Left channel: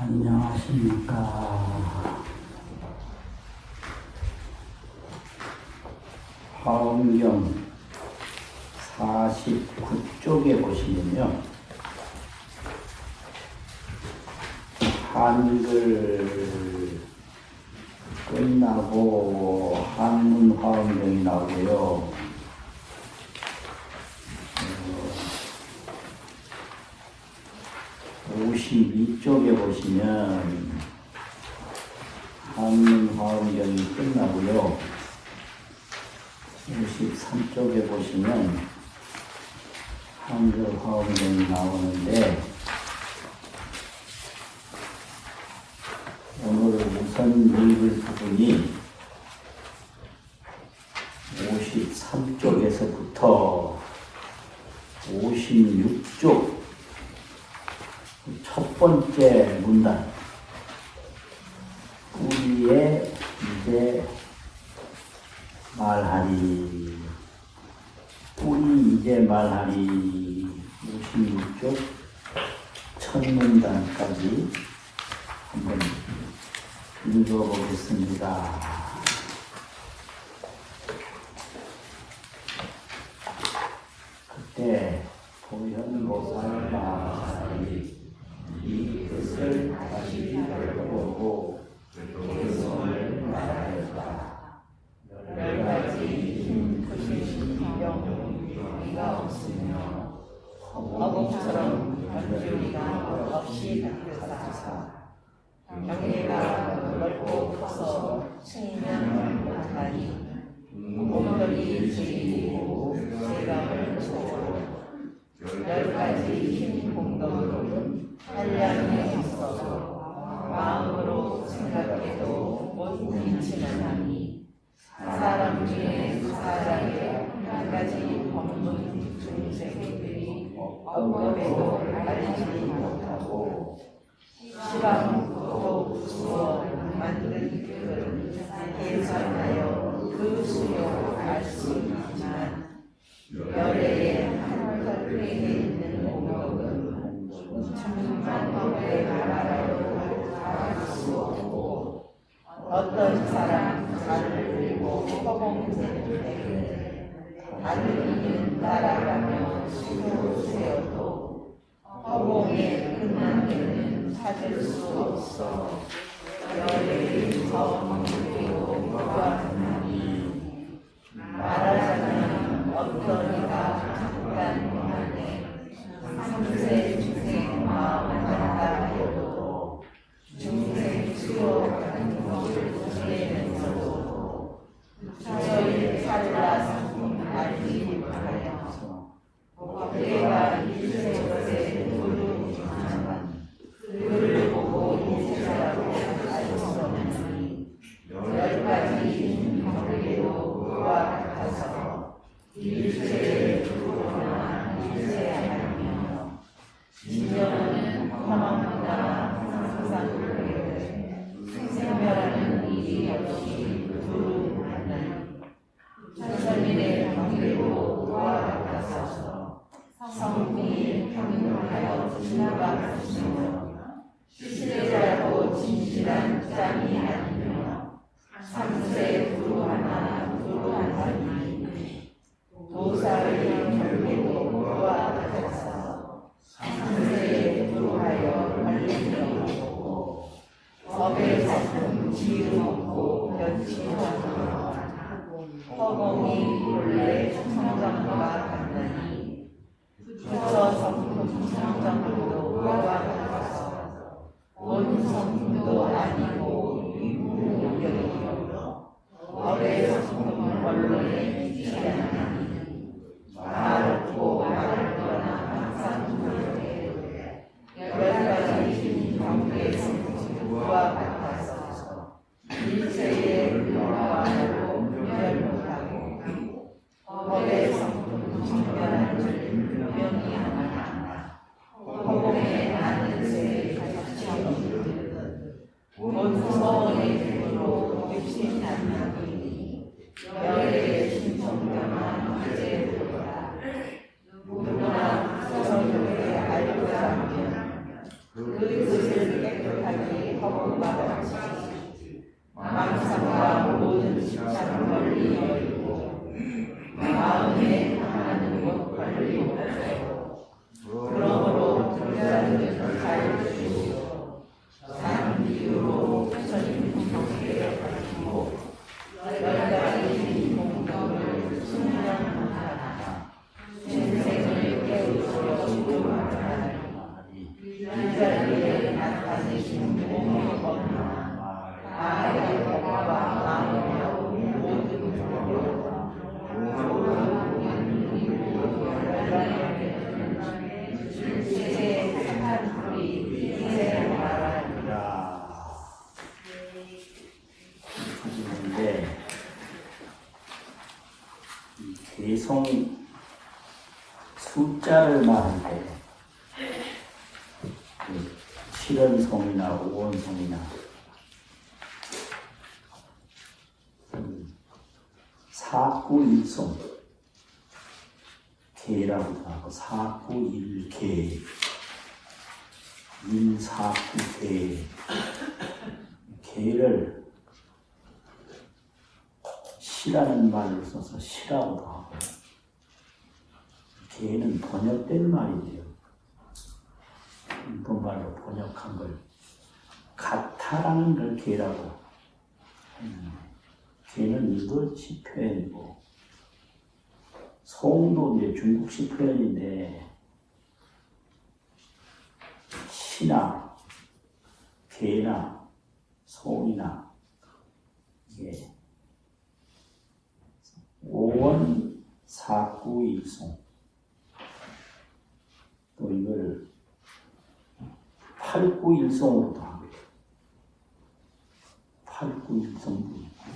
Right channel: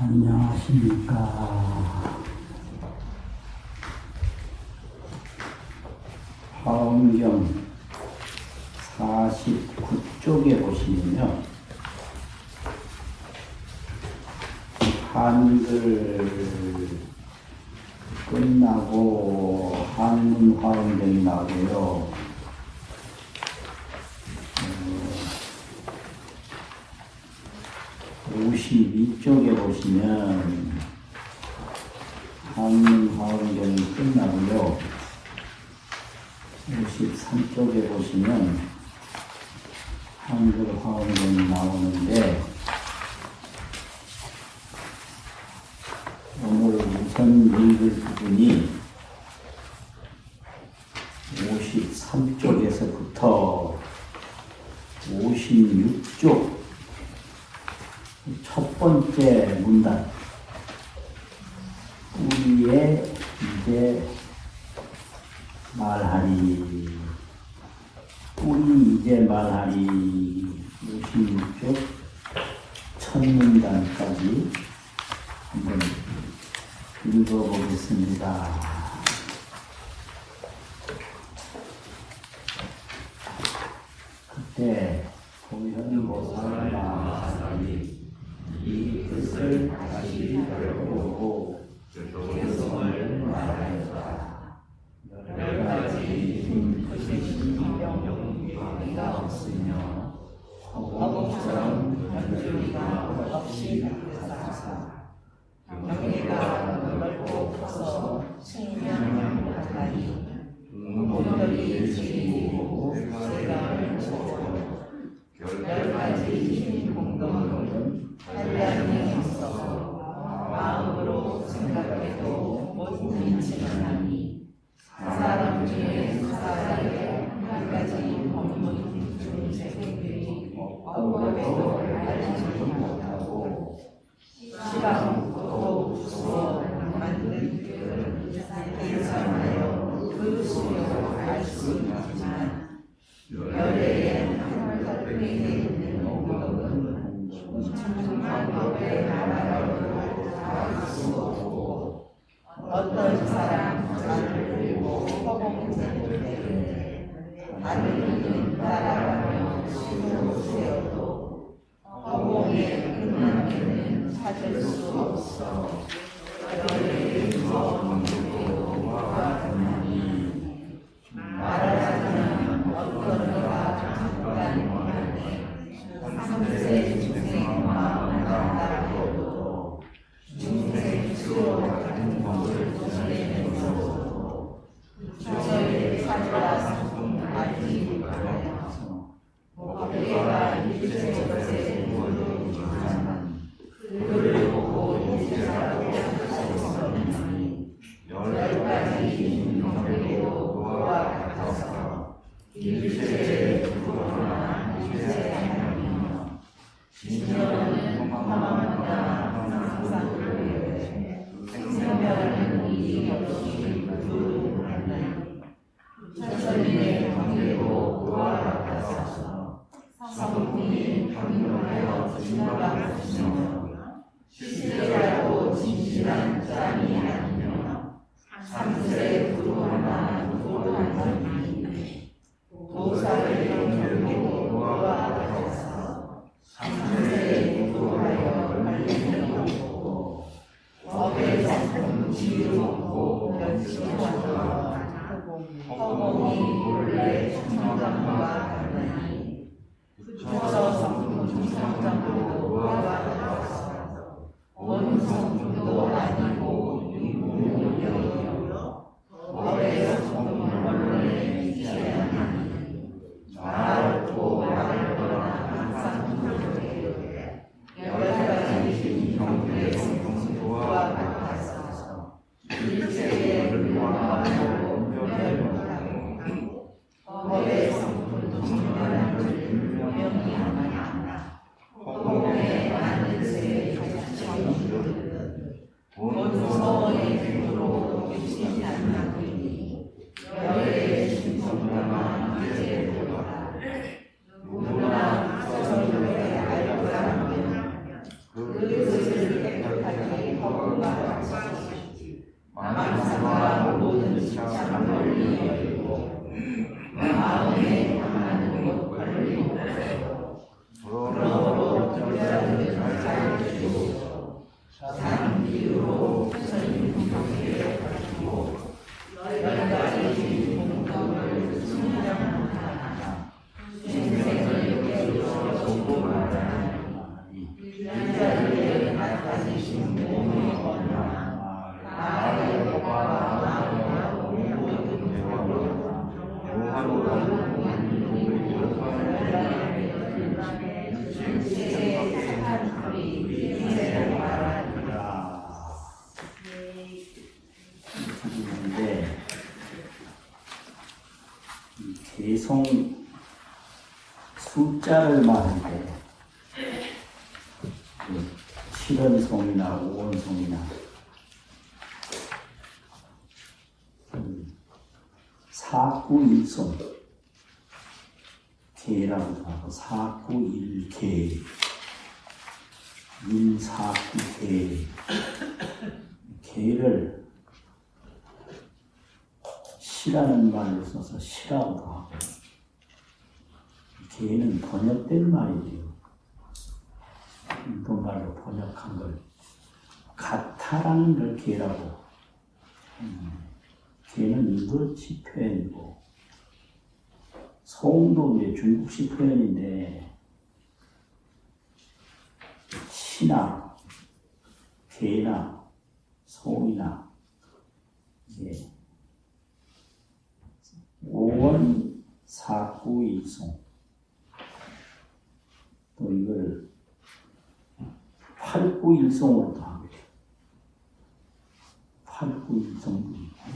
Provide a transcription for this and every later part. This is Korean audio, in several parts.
안녕하십니까. 화엄경 49쪽에 보시면요, 한글 끝나고 한문 화엄경이 나오고요. 52쪽에 보시면 한문 화엄경이 끝나고요. 53쪽에 보시면 한글 화엄경이 나오는데, 오늘 우선 읽을 부분이 53쪽에서부터 56쪽 첫 번째 문단, 우리의 이제 말하리, 우리 이제 말하리, 56쪽 첫 문단까지 한번 읽어보겠습니다. 그때 보현보살이 이 뜻을 다시 배워보고 교성을 말하였다. 여러 가지 뜻이신 영리가 없으며 허공처럼 변조리가 없이 나타나사 경계가 넓고 커서 측면을 못하니 오늘이 지리고 세상을 쫓고 여러 가지 공덕은 한량이 있어서 마음으로 생각해도 못 미치는 하니 사람 중에 사람의 한 가지 공덕 중생들이 억울해도 알지 못하고 시방도 부수어 만든 뜻은 계산하여 그 수요를 알 수 있지만 열애의 한 덕에 있는 공덕은 천만법의 나라로 알 수 없고 어떤 사람 자를 들고 허공쟁을 때문에 다른 이는 따라가며 수요를 세워도 허공의 끝나기는 찾을 수 없어 열애의 정의로 보아하니 말하자면 어떤 이가 잠깐만에 상세 중생의 마음을 갖다보고도 중생 수요 같은 것을 지내면서도 저희를 찾아 상품하지 못하여 목대가 일체 것에 모르지만 그를 보고 인지라고 할 수 없으니 여러 가지 인물에도 그와 같아서 일체의 두거나 일체의 하나이며 진정은 험함과 상상을 생생별하는 일이 없이 두루하는 천선민의 관계도 그와 같아서 성품이 평등하여 진화가 없으며 시세라고 진실한 짬이 아니며 상세 두루하나 두루하나니 도사의 연결도 그와 같아서 상세 두루하여 말리는 없고 법의 작품 지음없고 변치없고 허공이 본래 청정과 같으니 부처 성품 청정도 그와 같아서 온 성품도 아니고 인문용이요 법의 성품을 원래 지향하니 말없고 말거나 항상 부족해 여러 가지 인용의 성품과 같아서 일체의 불명하고 변명하고 법의 성품 청변을 분명히 하나 허공에 많은 새 자체는 본성의 대로 미친 않나보니 열애의 중성명한 이제보다 누구나 저녁에 알고 하면 그 뜻을 깨끗하게 개성 숫자를 말할 때 칠원성이나 오원성이나 사구일성 개라고도 하고 사구일개 일사구개 개를 시라는 말을 써서 시라고도 하고 개는 번역된 말이지요. 일본말로 번역한 걸 가타라는 걸 개라고. 개는 일본식 표현이고 소음도 이제 중국식 표현인데 시나 개나 소이나 이게 오원 사구일성 또 이걸 팔구일성으로도 하고 팔구일성도 있고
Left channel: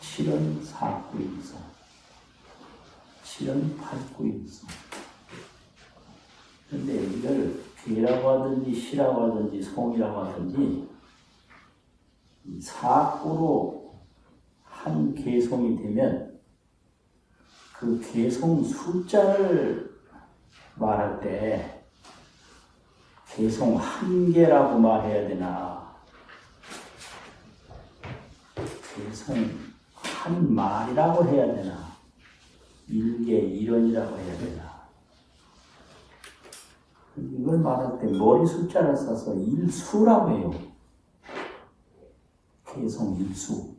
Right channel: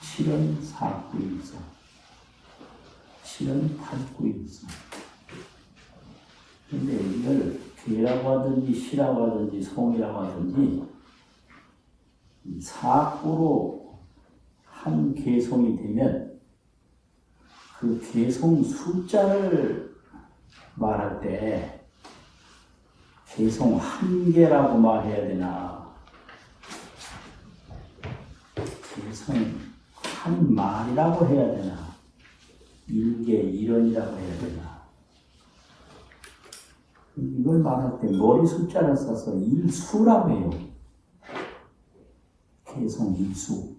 칠원 사구일성 칠원 팔구일성 근데 이걸 개라고 하든지 시라고 하든지 성이라고 하든지 이 사구로 한 개성이 되면 그 개성 숫자를 말할 때 개성 한 개라고 말해야 되나 개성 한 말이라고 해야 되나 일개 일원이라고 해야 되나 이걸 말할 때 머리 숫자를 써서 일수라고 해요. 개성 일수.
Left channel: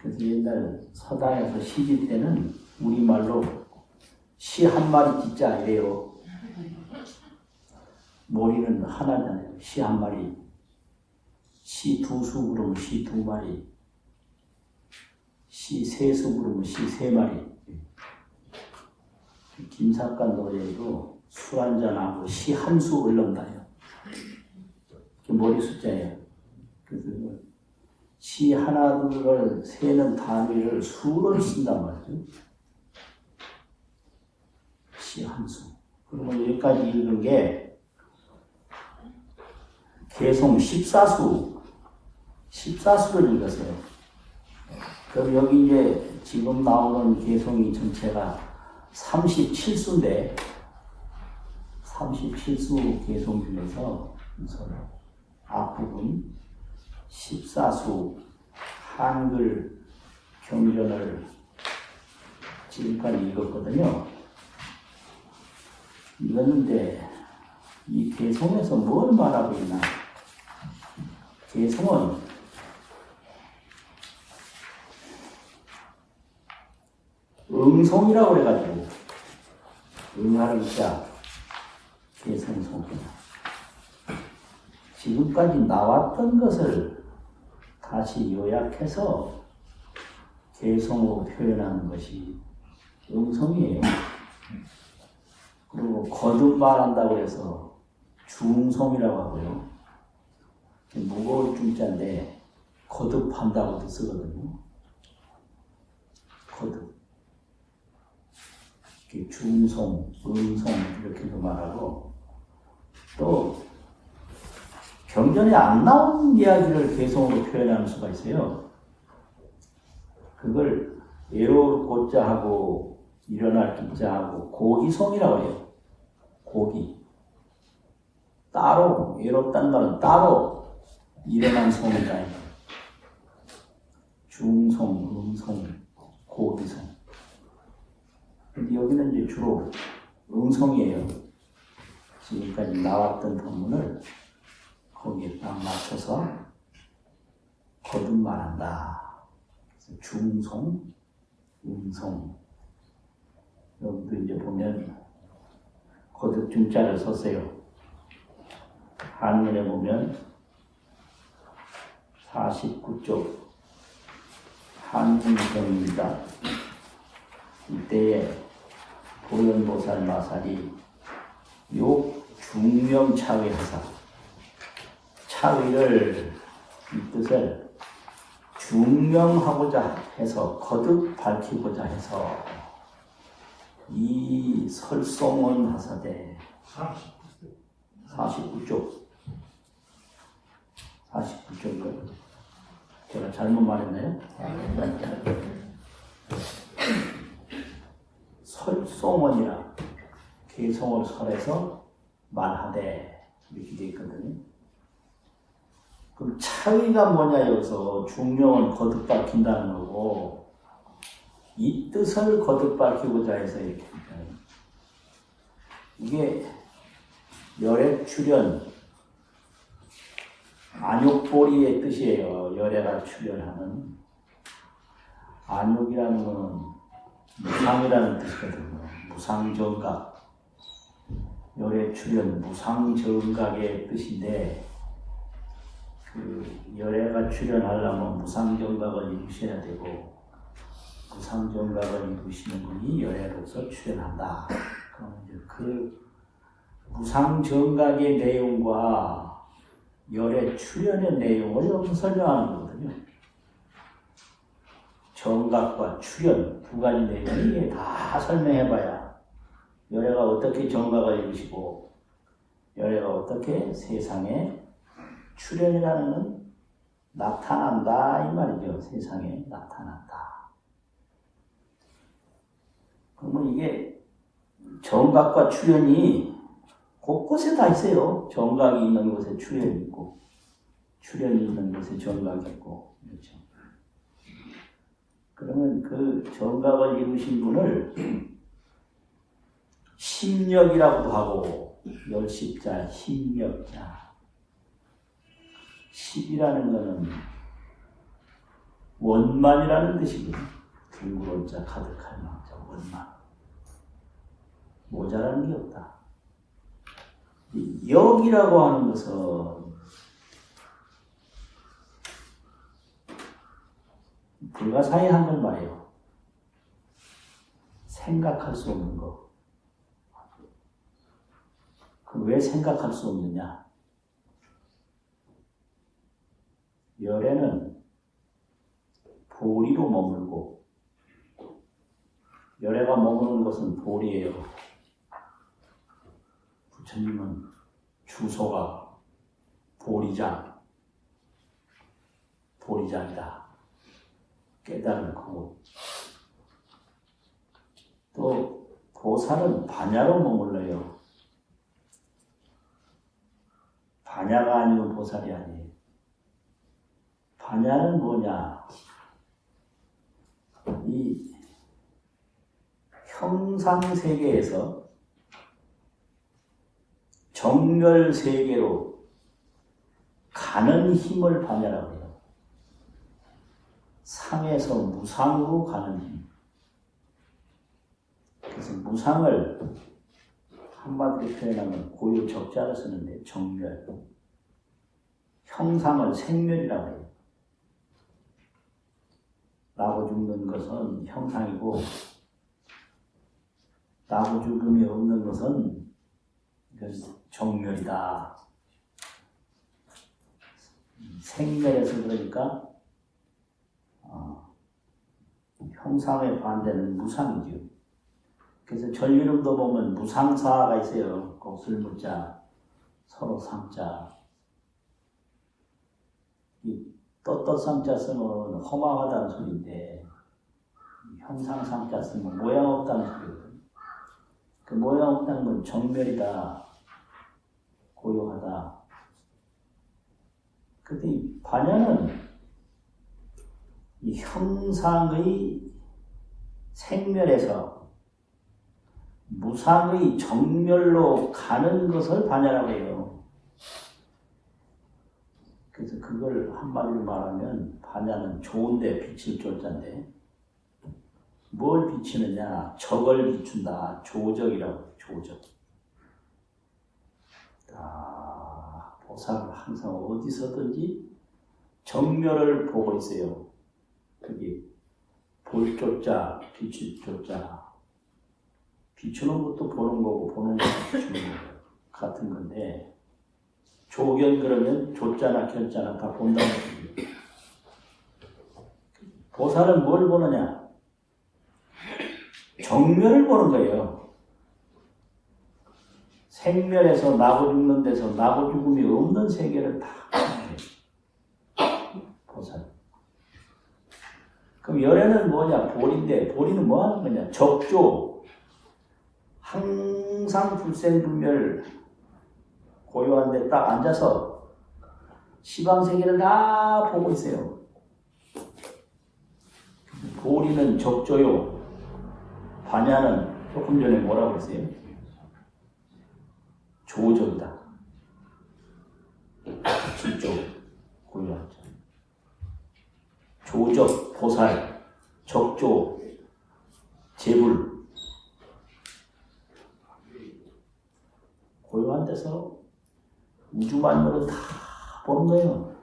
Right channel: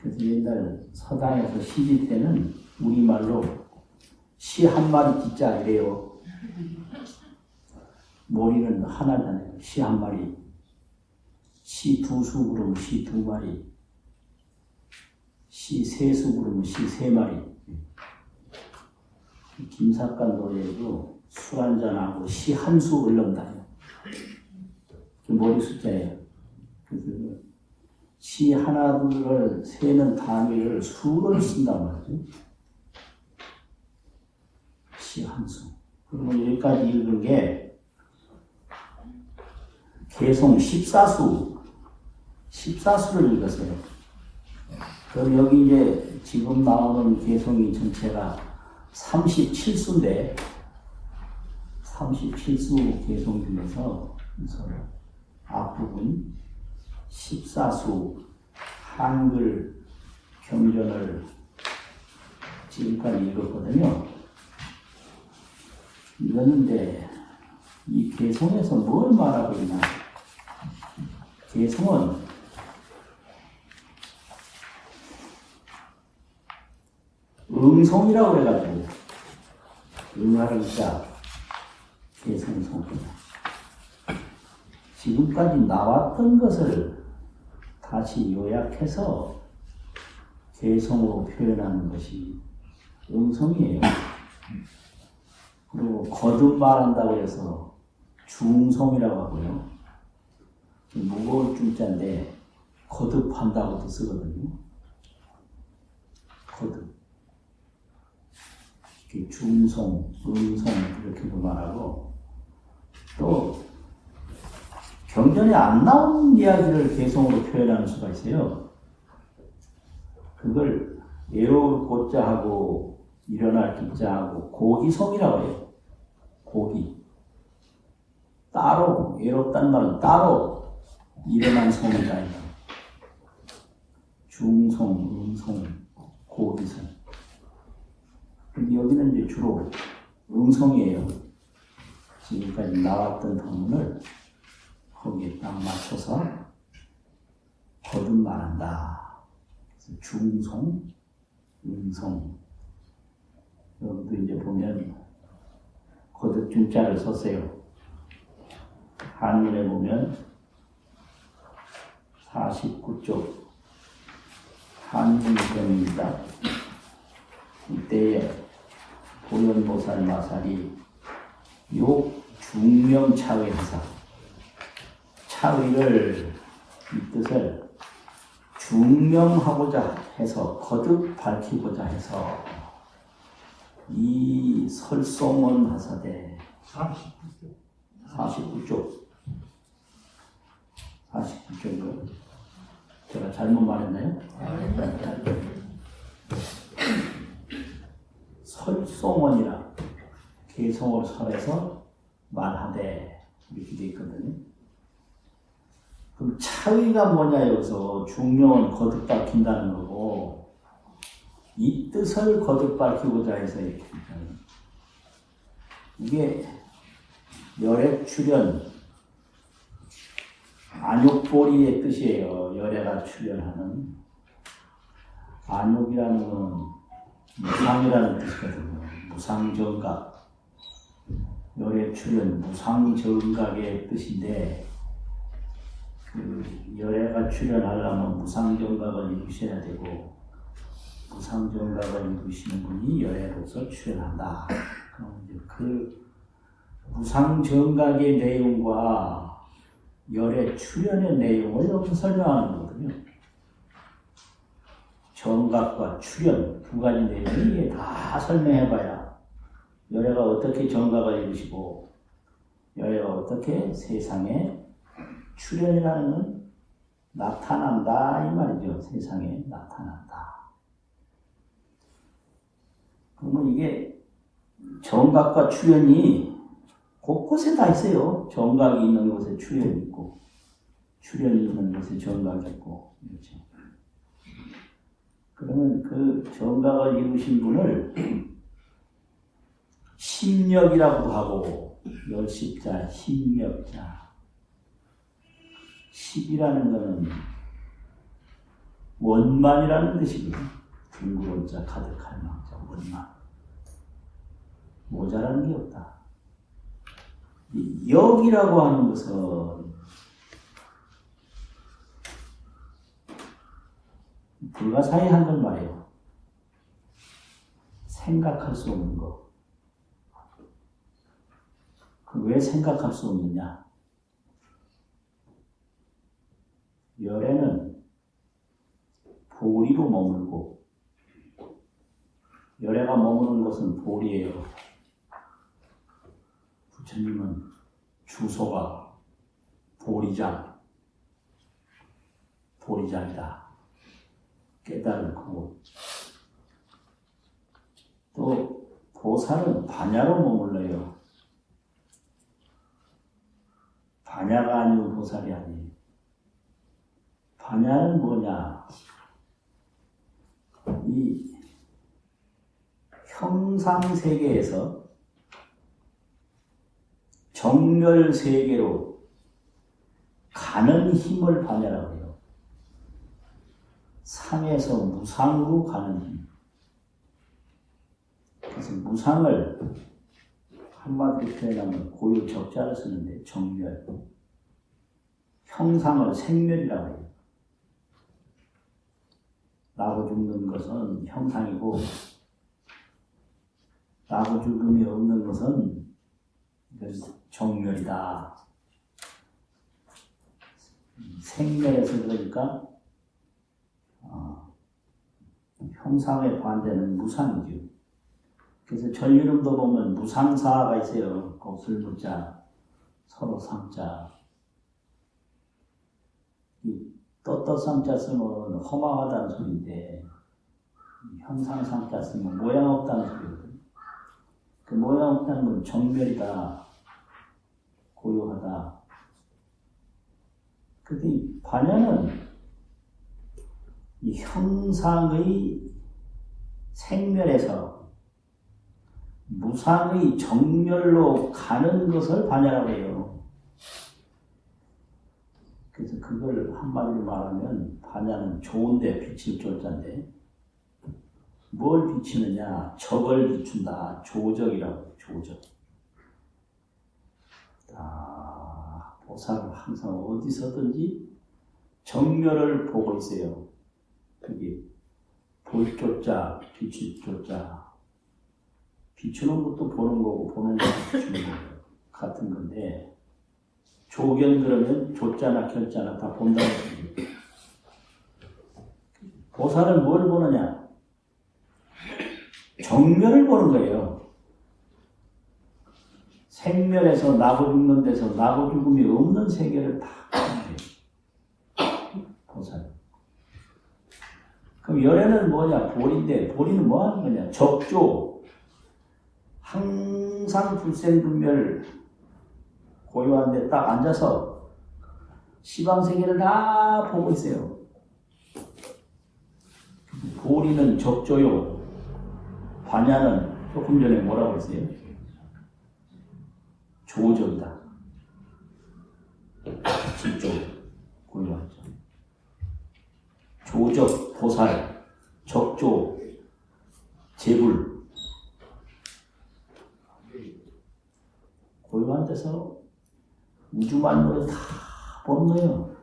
그래서 옛날 서당에서 시집 때는 우리말로 시 한 마리 짓자 이래요. 머리는 하나는 시 한 마리, 시 두 수 부르면 시 두 마리, 시 세 수 부르면 시 세 마리. 김삿갓 노래에도 수 한 잔하고 시 한 수 올른다요. 그 머리 숫자예요. 그래서 시 하나 둘을 세는 단위를 수를 쓴단 말이죠. 시 한 수. 그러면 여기까지 읽은 게 개성 14수, 14수를 읽었어요. 그럼 여기 이제 지금 나오는 개성이 전체가 37수인데 37수 개성 중에서 앞부분 14수 한글 경전을 지금까지 읽었거든요. 읽었는데 이 개성에서 뭘 말하고 있나? 개성은 응성이라고 해가지고 응하를 자 개성성 지금까지 나왔던 것을 다시 요약해서 개성으로 표현하는 것이 응성이에요. 그리고 거듭 말한다고 해서 중성이라고 하고요. 무거울 중자인데 거듭한다고도 쓰거든요. 거듭. 중성, 응성 이렇게도 말하고 또 경전에 안 나온 이야기를 개성으로 표현하는 수가 있어요. 그걸 외울 고자하고 일어날 기자하고 고기성이라고 해요. 고기. 따로, 외롭다는 말은 따로 일어난 성이라는 거. 중성, 응성, 고기성. 근데 여기는 이제 주로 응성이에요. 지금까지 나왔던 본문을 거기에 딱 맞춰서 거듭말한다. 그래서 중송, 음송. 여기도 이제 보면 거듭 중자를 썼어요. 한문에 보면 49쪽 한문경입니다. 이때에 도련보살 마살이 요 중명차위하사 차위를 이 뜻을 중명하고자 해서 거듭 밝히고자 해서 이 설송원 하사대 49쪽 49쪽이요. 제가 잘못 말했나요? 설송원이라 개성을 설해서 말하되 이렇게 되어 있거든요. 그럼 차위가 뭐냐 여기서 중명을 거듭 밝힌다는 거고 이 뜻을 거듭 밝히고자 해서 이렇게 된다는 이게 열애 출현 안욕보리의 뜻이에요. 열애가 출현하는 안욕이라는 것은 무상이라는 뜻이거든요. 무상정각 열애 출현 무상정각의 뜻인데 그 열애가 출현하려면 무상정각을 이루셔야 되고 무상정각을 이루시는 분이 열애로서 출현한다. 그럼 이제 그 무상정각의 내용과 열애 출현의 내용을 여기서 설명하는 거거든요. 정각과 출현 두 가지 내용이 다 설명해봐야 열애가 어떻게 정각을 이루시고 열애가 어떻게 세상에 출현이라는 건 나타난다 이 말이죠. 세상에 나타난다. 그러면 이게 정각과 출현이 곳곳에 다 있어요. 정각이 있는 곳에 출현이 있고 출현이 있는 곳에 정각이 있고 그렇죠. 그러면 그 정각을 이루신 분을 심력이라고 하고 열십자, 심력자 십이라는 것은 원만이라는 뜻이고요. 둥그런자 가득한 망자 원만 모자라는 게 없다. 이 역이라고 하는 것은 불가사의한 걸 말해요. 생각할 수 없는 거. 그럼 왜 생각할 수 없느냐? 열애는 보리로 머물고 열애가 머무는 것은 보리예요. 부처님은 주소가 보리장이다. 깨달은 거고 또 보살은 반야로 머물러요. 반야가 아니면 보살이 아니에요. 반야는 뭐냐? 이 형상세계에서 정멸세계로 가는 힘을 반야라고 해요. 상에서 무상으로 가는 힘. 그래서 무상을 한마디로 표현하면 고유 적자를 쓰는데 정멸. 형상을 생멸이라고 해요. 나고 죽는 것은 형상이고 나고 죽음이 없는 것은 정멸이다. 생멸에서 그러니까 형상의 반대는 무상이죠. 그래서 전이름도 보면 무상사가 있어요. 거슬무자, 서로 상자. 이 떳떳상자 쓰면 허망하다는 소리인데 형상상자 쓰면 모양 없다는 소리거든요. 그 모양 없다는 건 정멸이다. 고요하다. 근데 이 반야는 이 형상의 생멸에서 무상의 정멸로 가는 것을 반야라고 해요. 그래서 그걸 한마디로 말하면 반야는 좋은데 비칠 조자인데 뭘 비치느냐? 적을 비춘다. 조적이라고. 조적. 보살은 항상 어디서든지 정멸을 보고 있어요. 여기 볼 조자, 비출 조자. 비추는 것도 보는 거고 보는 것도 비추는 거 같은 건데 조견 그러면 조자나 견자나 다 본다는 거예요. 보살은 뭘 보느냐? 정멸을 보는 거예요. 생멸에서 나고 죽는 데서 나고 죽음이 없는 세계를 다 보살. 그럼 열애는 뭐냐? 볼인데 볼이는 뭐 하는 거냐? 적조. 항상 불생불멸 고요한 데 딱 앉아서 시방세계를 다 보고 있어요. 볼이는 적조요. 반야는 조금 전에 뭐라고 했어요? 조적이다. 진조 고요하죠. 조적, 보살, 적조, 재불. 고요한 데서 우주만물을 다 보는 거예요.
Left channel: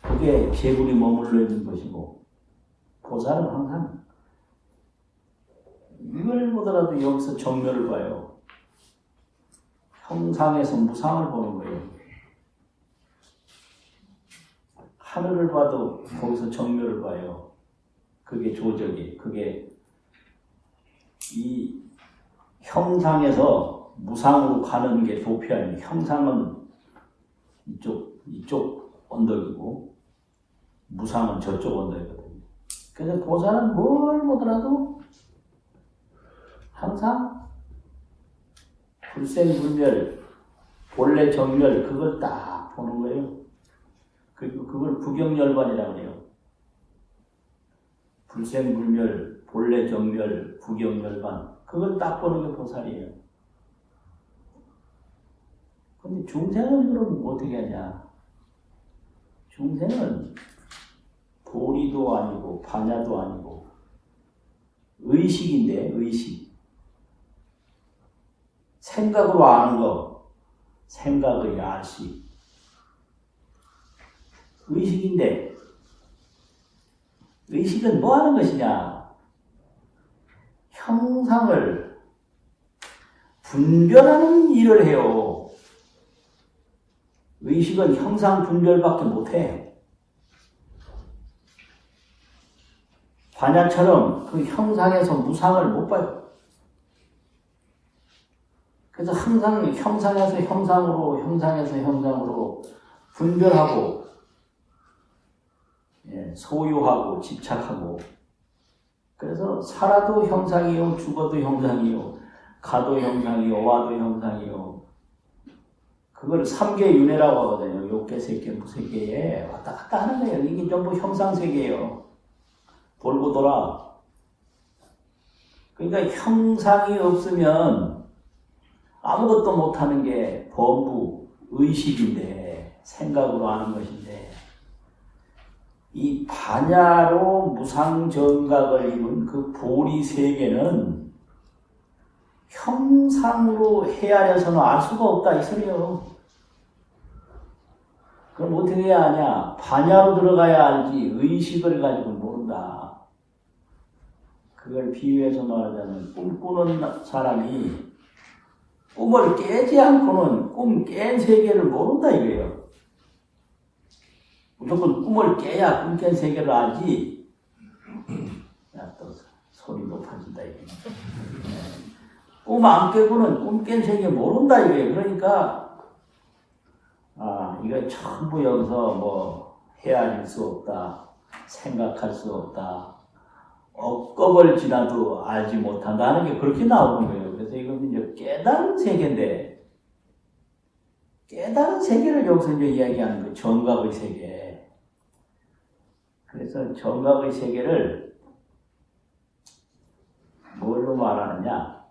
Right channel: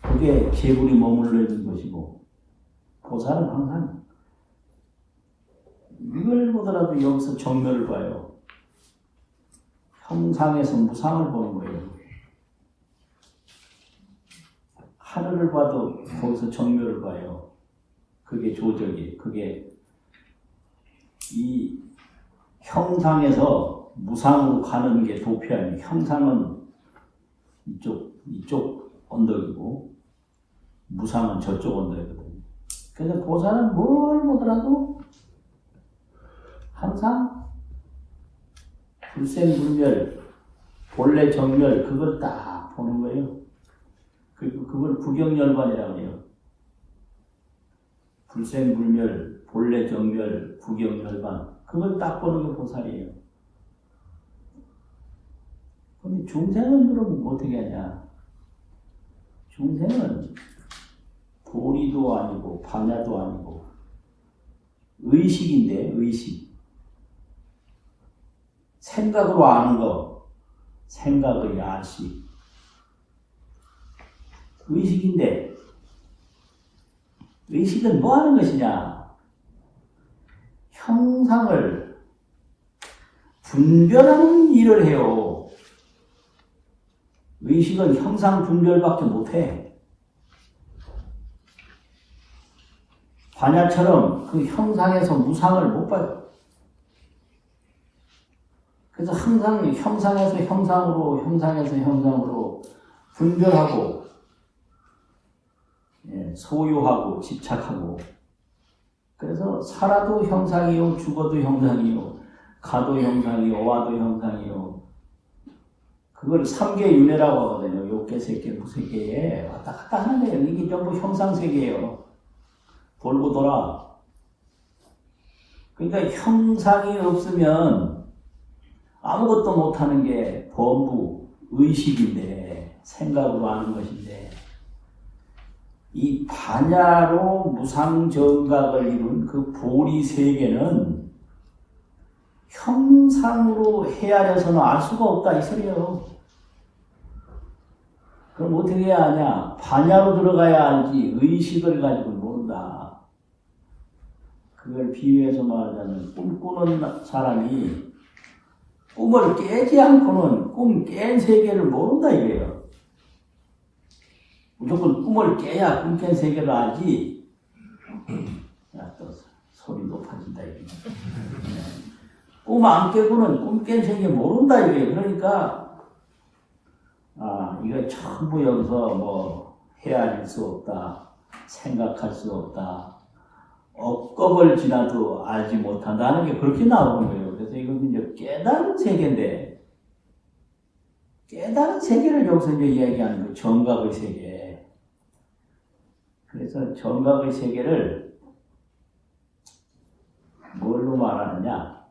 그게 재불이 머물러 있는 것이고, 보살은 항상 이걸 보더라도 여기서 정멸을 봐요. 형상에서 무상을 보는 거예요. 하늘을 봐도 거기서 정멸을 봐요. 그게 조적이에요. 그게 이 형상에서 무상으로 가는 게 도표 아니에요. 형상은 이쪽 언덕이고 무상은 저쪽 언덕이거든요. 그래서 보살은 뭘 보더라도 항상 불생불멸, 본래 정멸 그걸 딱 보는 거예요. 그리고 그걸 부경열반이라고 해요. 불생불멸, 본래 정멸, 부경열반 그걸 딱 보는 게 보살이에요. 근데 중생은 그럼 어떻게 하냐? 중생은 도리도 아니고 반야도 아니고 의식인데 의식. 생각으로 아는 거, 생각의 야식. 의식인데 의식은 뭐 하는 것이냐? 형상을 분별하는 일을 해요. 의식은 형상 분별밖에 못해. 반야처럼 그 형상에서 무상을 못 봐요. 그래서 항상 형상에서 형상으로, 형상에서 형상으로 분별하고, 소유하고, 집착하고. 그래서 살아도 형상이요, 죽어도 형상이요, 가도 형상이요, 와도 형상이요. 그걸 삼계윤회라고 하거든요. 욕계, 색계, 무색계에 왔다 갔다 하는 거예요. 이게 전부 형상세계예요. 돌고 돌아. 그러니까 형상이 없으면 아무것도 못하는 게 범부, 의식인데, 생각으로 하는 것인데, 이 반야로 무상정각을 이룬 그 보리세계는 형상으로 헤아려서는 알 수가 없다, 이 소리요. 그럼 어떻게 해야 하냐? 반야로 들어가야 알지, 의식을 가지고 모른다. 그걸 비유해서 말하자면, 꿈꾸는 사람이 꿈을 깨지 않고는 꿈 깬 세계를 모른다 이거예요. 무조건 꿈을 깨야 꿈 깬 세계를 알지. 야, 또 소리 높아진다 이거예요. 꿈 안 깨고는 꿈 깬 세계 모른다 이거예요. 그러니까 이거 전부 여기서 뭐 헤아릴 수 없다, 생각할 수 없다, 억겁을 지나도 알지 못한다는 게 그렇게 나오는 거예요. 그래서 이건 이제 깨달은 세계인데, 깨달은 세계를 여기서 이제 이야기하는 거예요. 정각의 세계. 그래서 정각의 세계를 뭘로 말하느냐?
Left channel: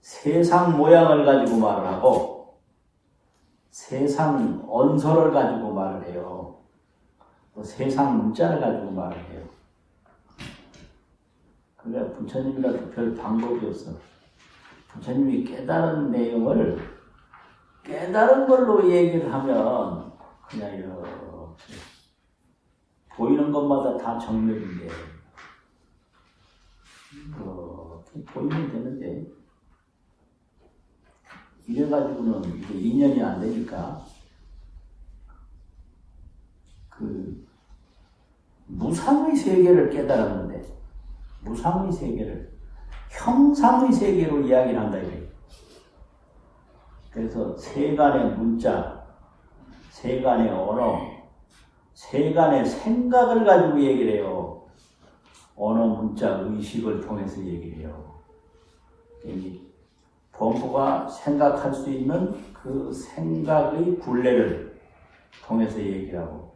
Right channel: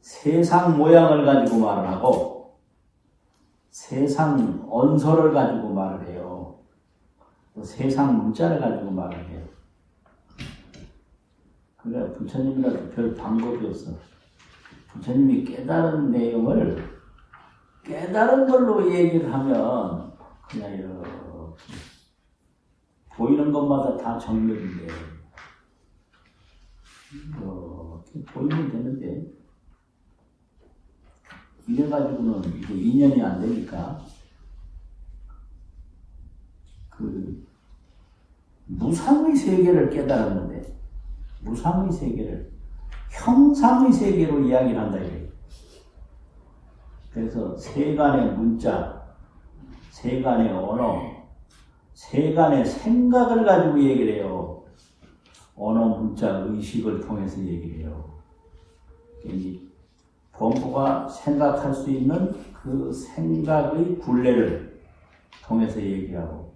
세상 모양을 가지고 말을 하고, 세상 언서를 가지고 말을 해요. 또 세상 문자를 가지고 말을 해요. 그러니까 부처님과 별 방법이 없어. 부처님이 깨달은 내용을 깨달은 걸로 얘기를 하면 그냥 이렇게 보이는 것마다 다 정맥인데 보이면 되는데 이래가지고는 이게 인연이 안 되니까 그 무상의 세계를 깨달았는데 무상의 세계를 형상의 세계로 이야기를 한다 이거예요. 그래서 세간의 문자, 세간의 언어, 세간의 생각을 가지고 얘기를 해요. 언어, 문자, 의식을 통해서 얘기를 해요. 범부가 생각할 수 있는 그 생각의 분례를 통해서 얘기를 하고,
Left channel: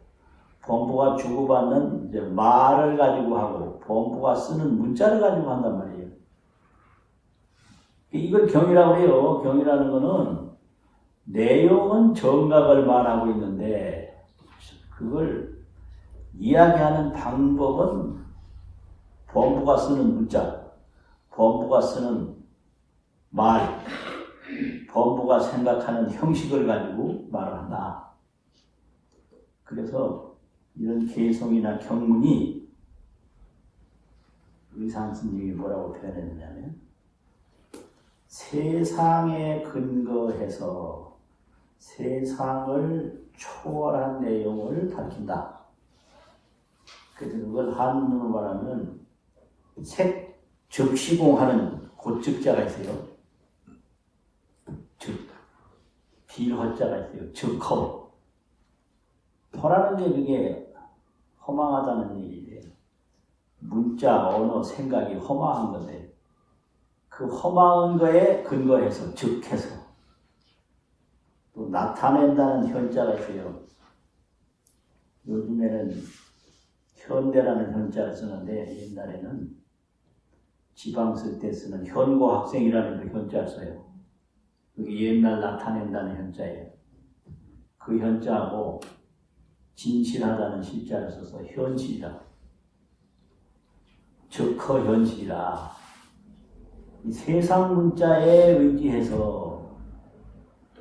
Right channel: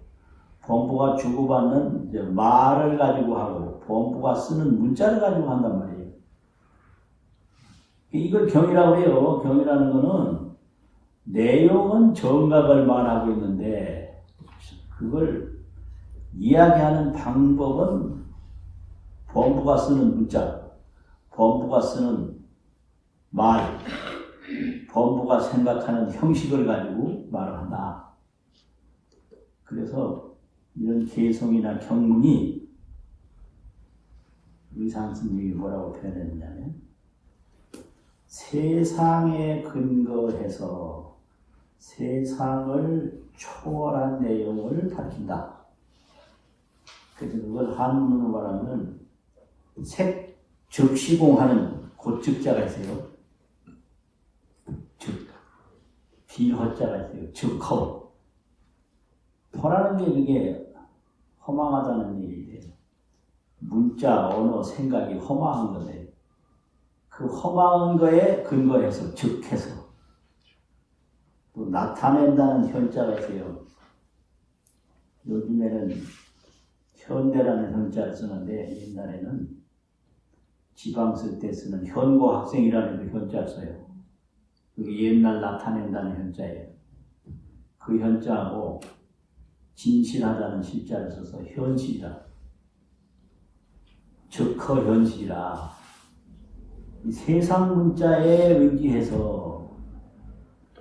범부가 주고받는 이제 말을 가지고 하고, 범부가 쓰는 문자를 가지고 한단 말이에요. 이걸 경이라고 해요. 경이라는 거는 내용은 정각을 말하고 있는데 그걸 이야기하는 방법은 범부가 쓰는 문자, 범부가 쓰는 말, 범부가 생각하는 형식을 가지고 말을 한다. 그래서 이런 개성이나 경문이 의상 스님이 뭐라고 표현했냐면 세상에 근거해서 세상을 초월한 내용을 밝힌다. 그래서 그걸 한문으로 말하면 즉시공하는 고측자가 있어요. 비허자가 있어요. 즉허. 허라는 게 그게 허망하다는 얘기예요. 문자, 언어, 생각이 허망한 건데 그 허망한 거에 근거해서 즉해서 또 나타낸다는 현자가 있어요. 요즘에는 현대라는 현자를 쓰는데 옛날에는 지방 쓸 때 쓰는 현고 학생이라는 그 현자를 써요. 그게 옛날 나타낸다는 현자예요. 그 현자하고 진실하다는 실자를 써서 현실이라. 즉허 현실이라. 이 세상 문자에 의지해서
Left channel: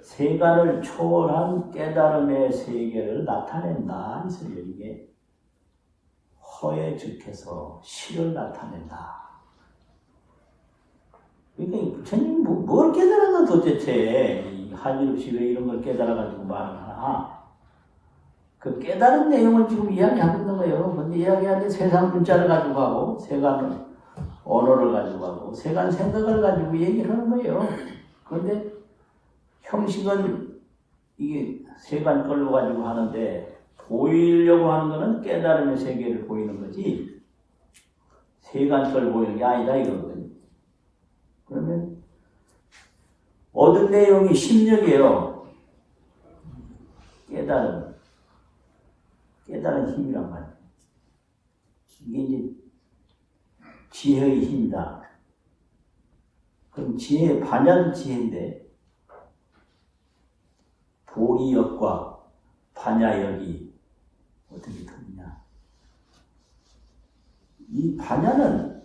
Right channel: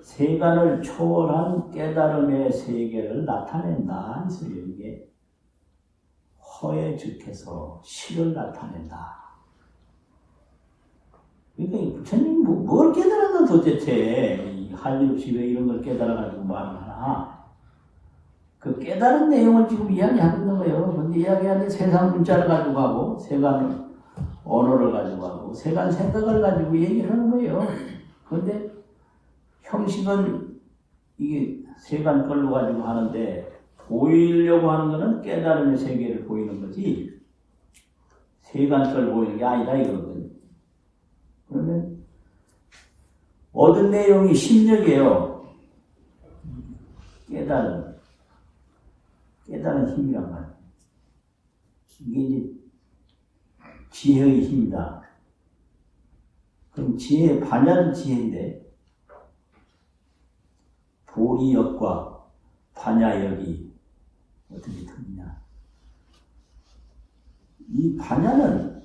세간을 초월한 깨달음의 세계를 나타낸다. 이게 허에 즉해서 실을 나타낸다. 이게 부처님 뭘 깨달았나 도대체 이 한일없이 왜 이런 걸 깨달아가지고 말을 하나. 그 깨달은 내용을 지금 이야기하고 있는 거예요. 근데 이야기하는 세상 문자를 가지고 하고 세간 언어를 가지고 하고 세간 생각을 가지고 얘기를 하는 거예요. 그런데 형식은 이게 세간 걸로 가지고 하는데 보이려고 하는 거는 깨달음의 세계를 보이는 거지 세간 걸 보이는 게 아니다 이거거든요. 그러면 얻은 내용이 심력이에요. 깨달은 힘이란 말이에요. 이게 이제 지혜의 힘이다. 그럼 지혜, 반야는 지혜인데 보리역과 반야역이 어떻게 다르냐. 이 반야는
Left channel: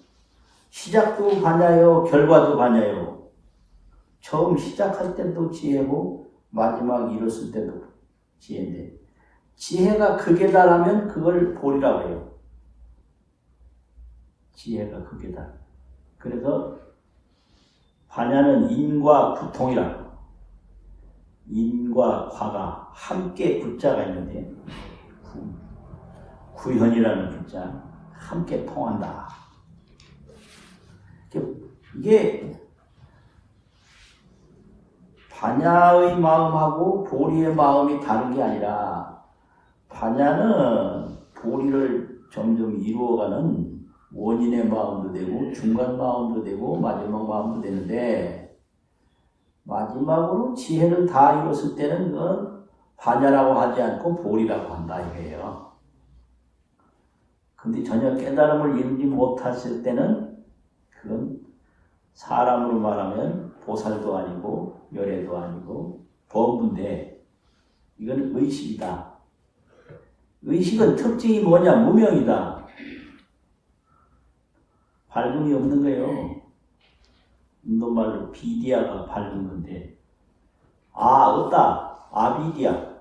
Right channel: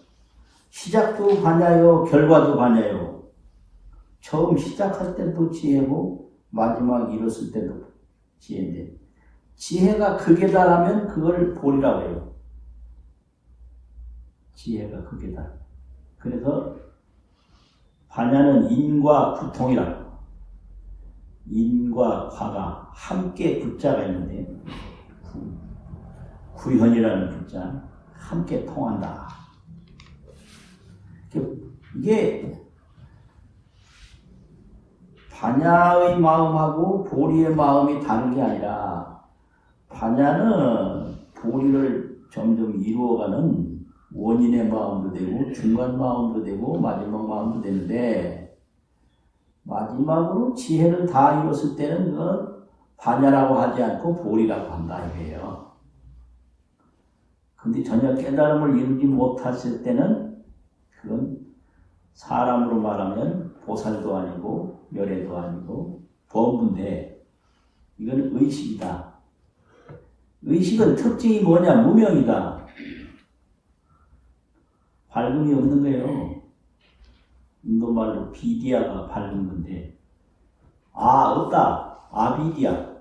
시작도 반야요, 결과도 반야요. 처음 시작할 때도 지혜고 마지막 이뤘을 때도 지혜인데 지혜가 극에 달하면 그걸 보리라고 해요. 지혜가 극에 달. 그래서 반야는 인과 부통이라고. 인과 과가 함께 붙자가 있는데 구현이라는 붙자 함께 통한다. 이게 반야의 마음하고 보리의 마음이 다른 게 아니라 반야는 보리를 점점 이루어가는 원인의 마음도 되고 중간 마음도 되고 마지막 마음도 되는데 마지막으로 지혜를 다 이뤘을 때는 그건 반야라고 하지 않고 보리라고 한다 이거예요. 근데 전혀 깨달음을 이루지 못했을 때는 그건 사람으로 말하면 보살도 아니고 열애도 아니고 범부인데 이건 의식이다. 의식은 특징이 뭐냐? 무명이다. 밝음이 없는 거예요. 인도말로 비디아가 밝은 건데, 없다. 아비디아.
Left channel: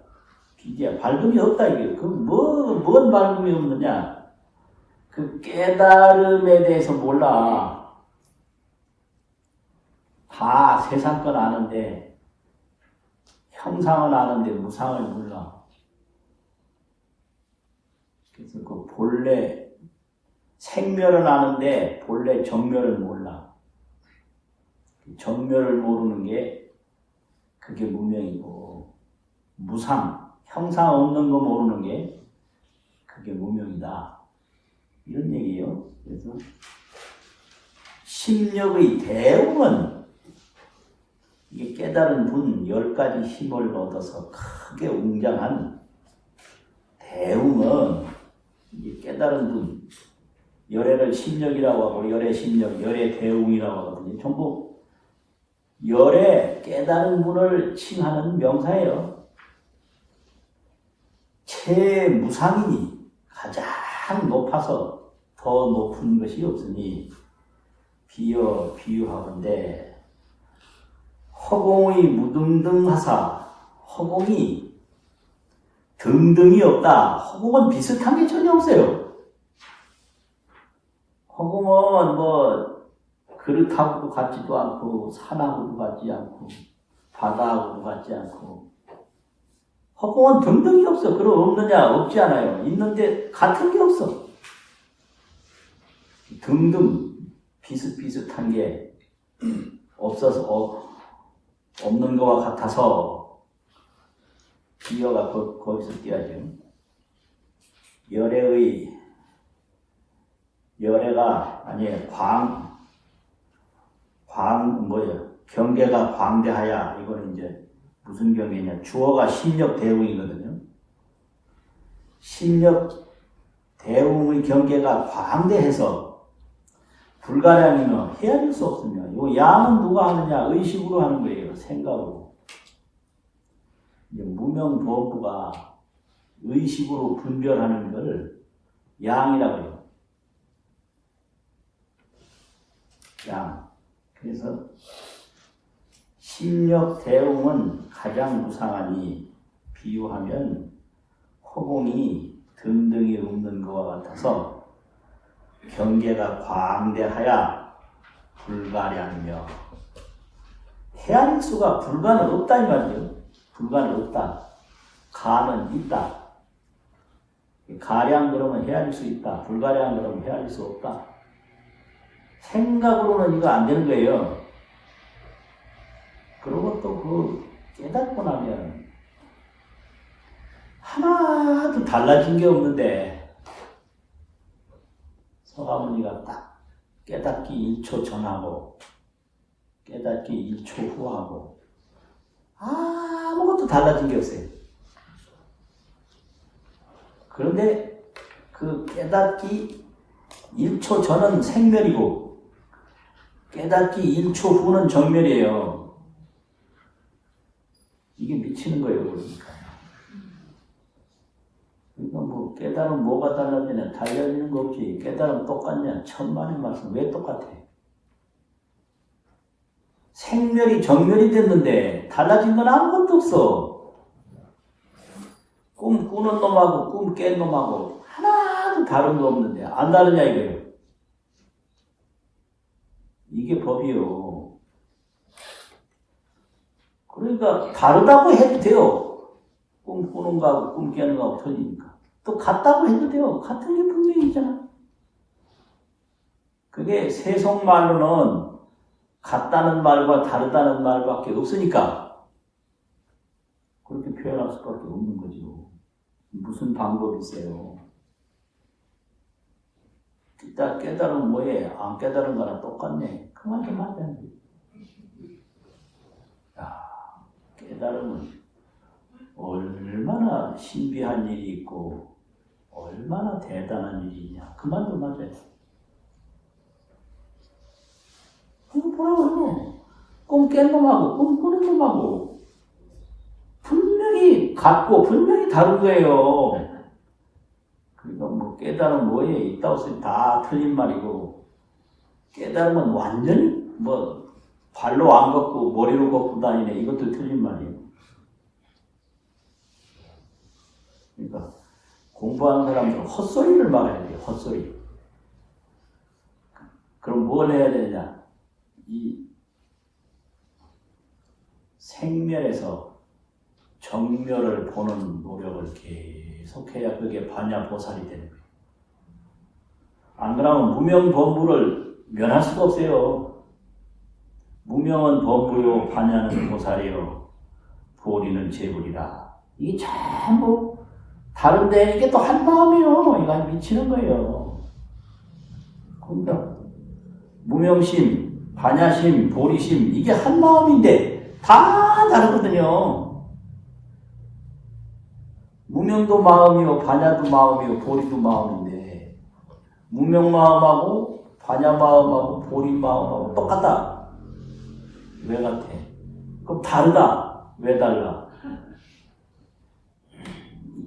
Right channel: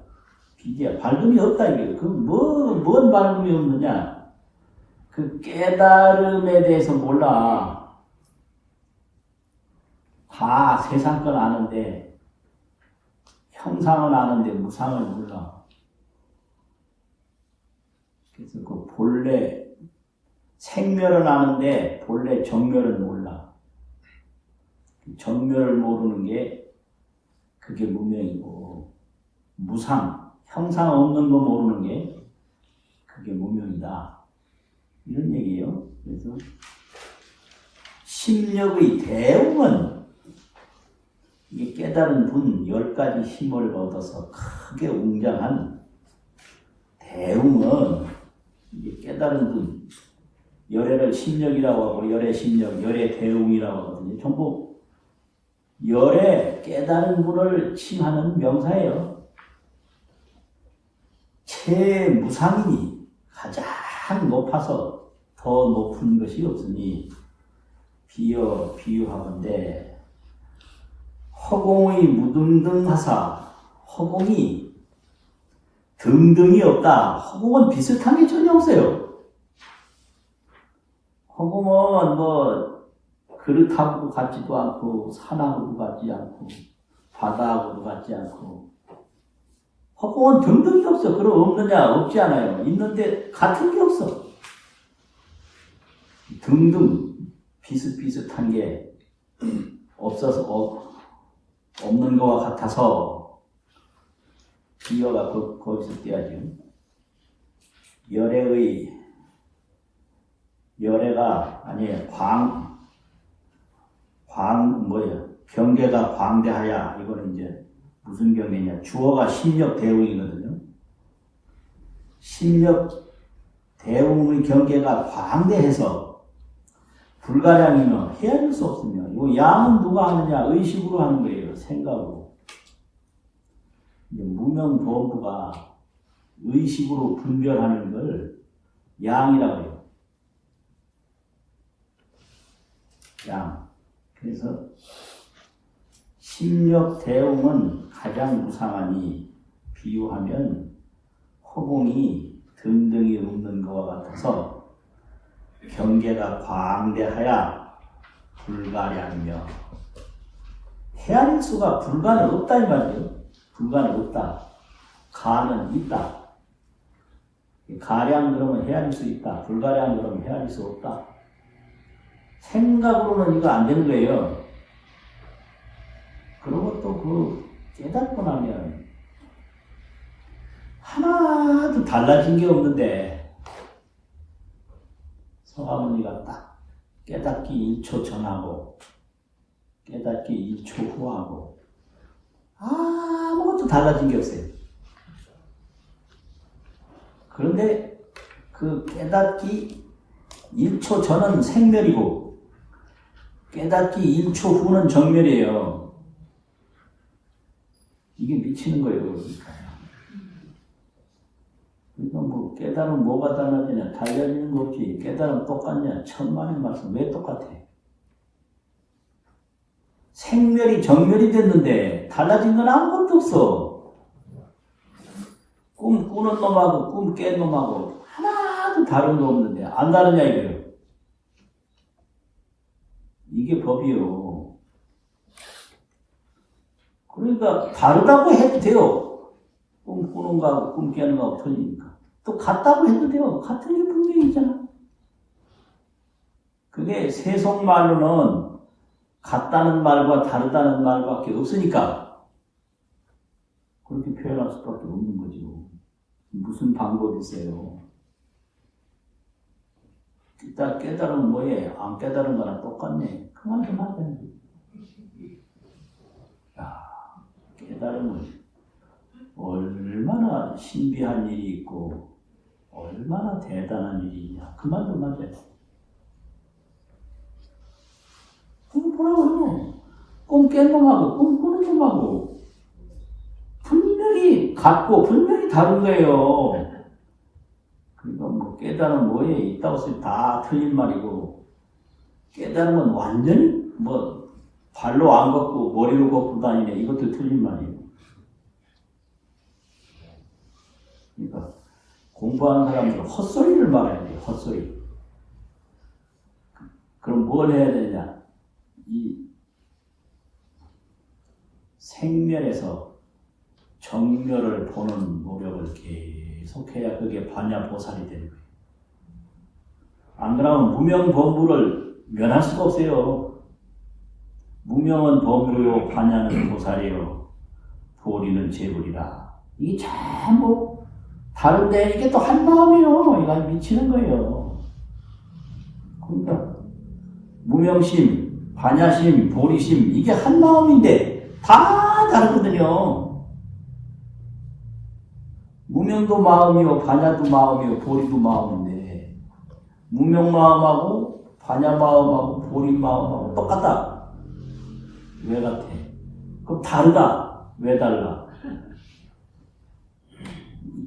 비디아. 밝음이 없다, 이게. 뭔 밝음이 없느냐? 그 깨달음에 대해서 몰라. 다 세상 건 아는데, 형상은 아는데 무상을 몰라. 그래서 그 본래 생멸은 아는데 본래 정멸은 몰라. 정멸을 모르는 게 그게 무명이고, 무상, 형상 없는 거 모르는 게 그게 무명이다. 이런 얘기예요. 그래서 심력의 대웅은 이 깨달은 분 10가지 힘을 얻어서 크게 웅장한 대웅은 이 깨달은 분, 열애를 심력이라고 하고 열애 심력, 열애 대웅이라고 하거든요. 전부 열애 깨달은 분을 칭하는 명사예요. 최무상이니 가장 높아서 더 높은 것이 없으니 비유하건대 허공의 무등등하사, 허공이 등등이 없다. 허공은 비슷한 게 전혀 없어요. 허공은 뭐 그릇하고도 같지도 않고 산하고도 같지 않고 바다하고도 같지 않고, 허공은 등등이 없어. 그럼 없느냐? 없지 않아요. 있는데 같은 게 없어. 등등 비슷비슷한 게 없어서 없는 것과 같아서 비어가 거기서 띄어지고, 열애가 아니에요. 경계가 광대하야. 이거는 이제 무슨 경계냐? 주어가 심력 대웅이거든요. 심력 대웅의 경계가 광대해서 불가량이면 헤아릴 수 없으며, 이 양은 누가 하느냐? 의식으로 하는 거예요. 생각으로. 무명부엄부가 의식으로 분별하는 걸 양이라고 해요. 양. 그래서 심력 대웅은 가장 무상하니 비유하면 허공이 등등이 없는 것과 같아서 경계가 광대하야 불가량이며, 헤아릴 수가 불가는 없다 이 말이에요. 불가는 없다. 가는 있다. 가량 그러면 헤아릴 수 있다. 불가량 그러면 헤아릴 수 없다. 생각으로는 이거 안 되는 거예요. 그리고 또 깨닫고 나면 하나도 달라진 게 없는데, 서가모니가 딱 깨닫기 1초 전하고 깨닫기 1초 후하고 아무것도 달라진 게 없어요. 그런데 그 깨닫기 1초 전은 생멸이고 깨닫기 1초 후는 정멸이에요. 이게 미치는 거예요. 그러니까 뭐 깨달음 뭐가 달라지냐? 달라지는 거 없지. 깨달음 똑같냐? 천만의 말씀. 왜 똑같아? 생멸이 정멸이 됐는데 달라진 건 아무것도 없어. 꿈 꾸는 놈하고 꿈 깬 놈하고 하나도 다른 거 없는데 안 다르냐 이거예요. 이게 법이요. 그러니까 다르다고 해도 돼요. 꿈 꾸는 거하고 꿈 깨는 거하고 틀리니까. 또 같다고 해도 돼요. 같은 게 분명히 있잖아. 그게 세속말로는 같다는 말과 다르다는 말밖에 없으니까 그렇게 표현할 수밖에 없는 거죠. 무슨 방법이 있어요? 일단 깨달은 뭐에 안 깨달은 거랑 똑같네. 그만큼 하자. 깨달음은 얼마나 신비한 일이 있고 얼마나 대단한 일이 있냐. 그만 좀 하자. 뭐라고요? 꿈 깬 놈하고 꿈 꾸는 놈하고 분명히 같고 분명히 다른 거예요. 그러니까 뭐 깨달음 뭐에 있다고 해서 다 틀린 말이고, 깨달음은 완전히 뭐 발로 안 걷고 머리로 걷고 다니네, 이것도 틀린 말이에요. 그러니까 공부하는 사람들은 헛소리를 말해야 돼요. 헛소리. 그럼 뭘 해야 되냐? 이 생멸에서 정멸을 보는 노력을 계속해야 그게 반야보살이 되는 거예요. 안 그러면 무명범부를 면할 수가 없어요. 무명은 범부요, 반야는 보살이요, 보리는 제불이라. 이게 전부 다른데 이게 또 한 마음이요. 이거 미치는 거예요. 그러니까 무명심, 반야심, 보리심, 이게 한 마음인데 다 다르거든요. 무명도 마음이요, 반야도 마음이요, 보리도 마음인데, 무명 마음하고 반야 마음하고 보리 마음하고 똑같다. 왜 같아? 그럼 다르다. 왜 달라?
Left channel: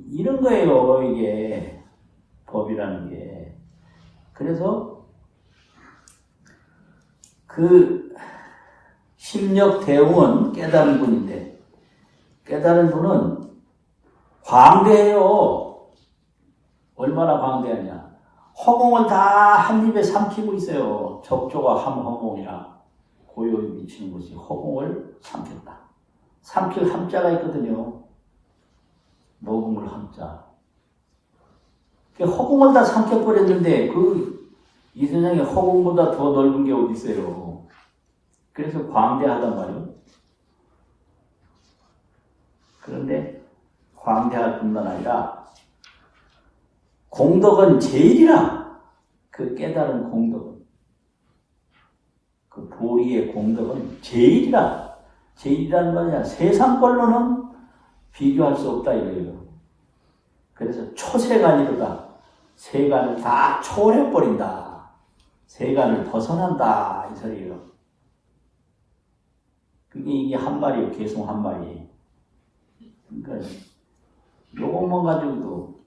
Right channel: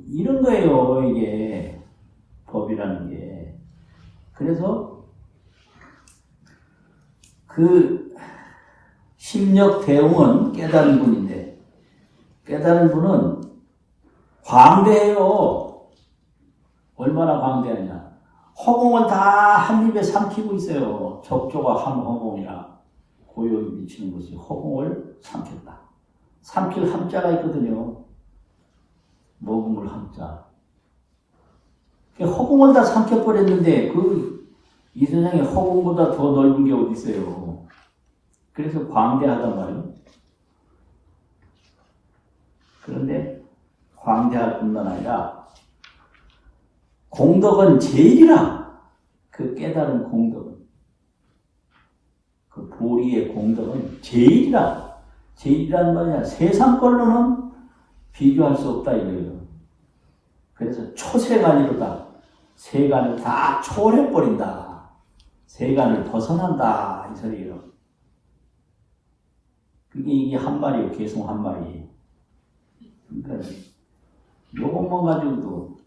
이런 거예요, 이게 법이라는 게. 그래서 그 심력 대웅은 깨달은 분인데, 깨달은 분은 광대해요. 얼마나 광대하냐. 허공을 다 한 입에 삼키고 있어요. 적조가 한 허공이라 고요히 미치는 것이 허공을 삼켰다. 삼킬 함자가 있거든요. 먹음을 함자. 허공을 다 삼켜버렸는데 이 세상에 허공보다 더 넓은 게 어디 있어요. 그래서 광대하단 말이에요. 그런데 광대할 뿐만 아니라 공덕은 제일이라. 그 깨달은 공덕은, 그 보리의 공덕은 제일이라. 제일이라는 말이야. 세상 걸로는 비교할 수 없다 이거예요. 그래서 초세간이로다. 세간을 다 초월해버린다. 세간을 벗어난다 이 소리예요. 그게 이게 한 말이에요. 계속 한 말이에요. 그러니까 요것만 가지고도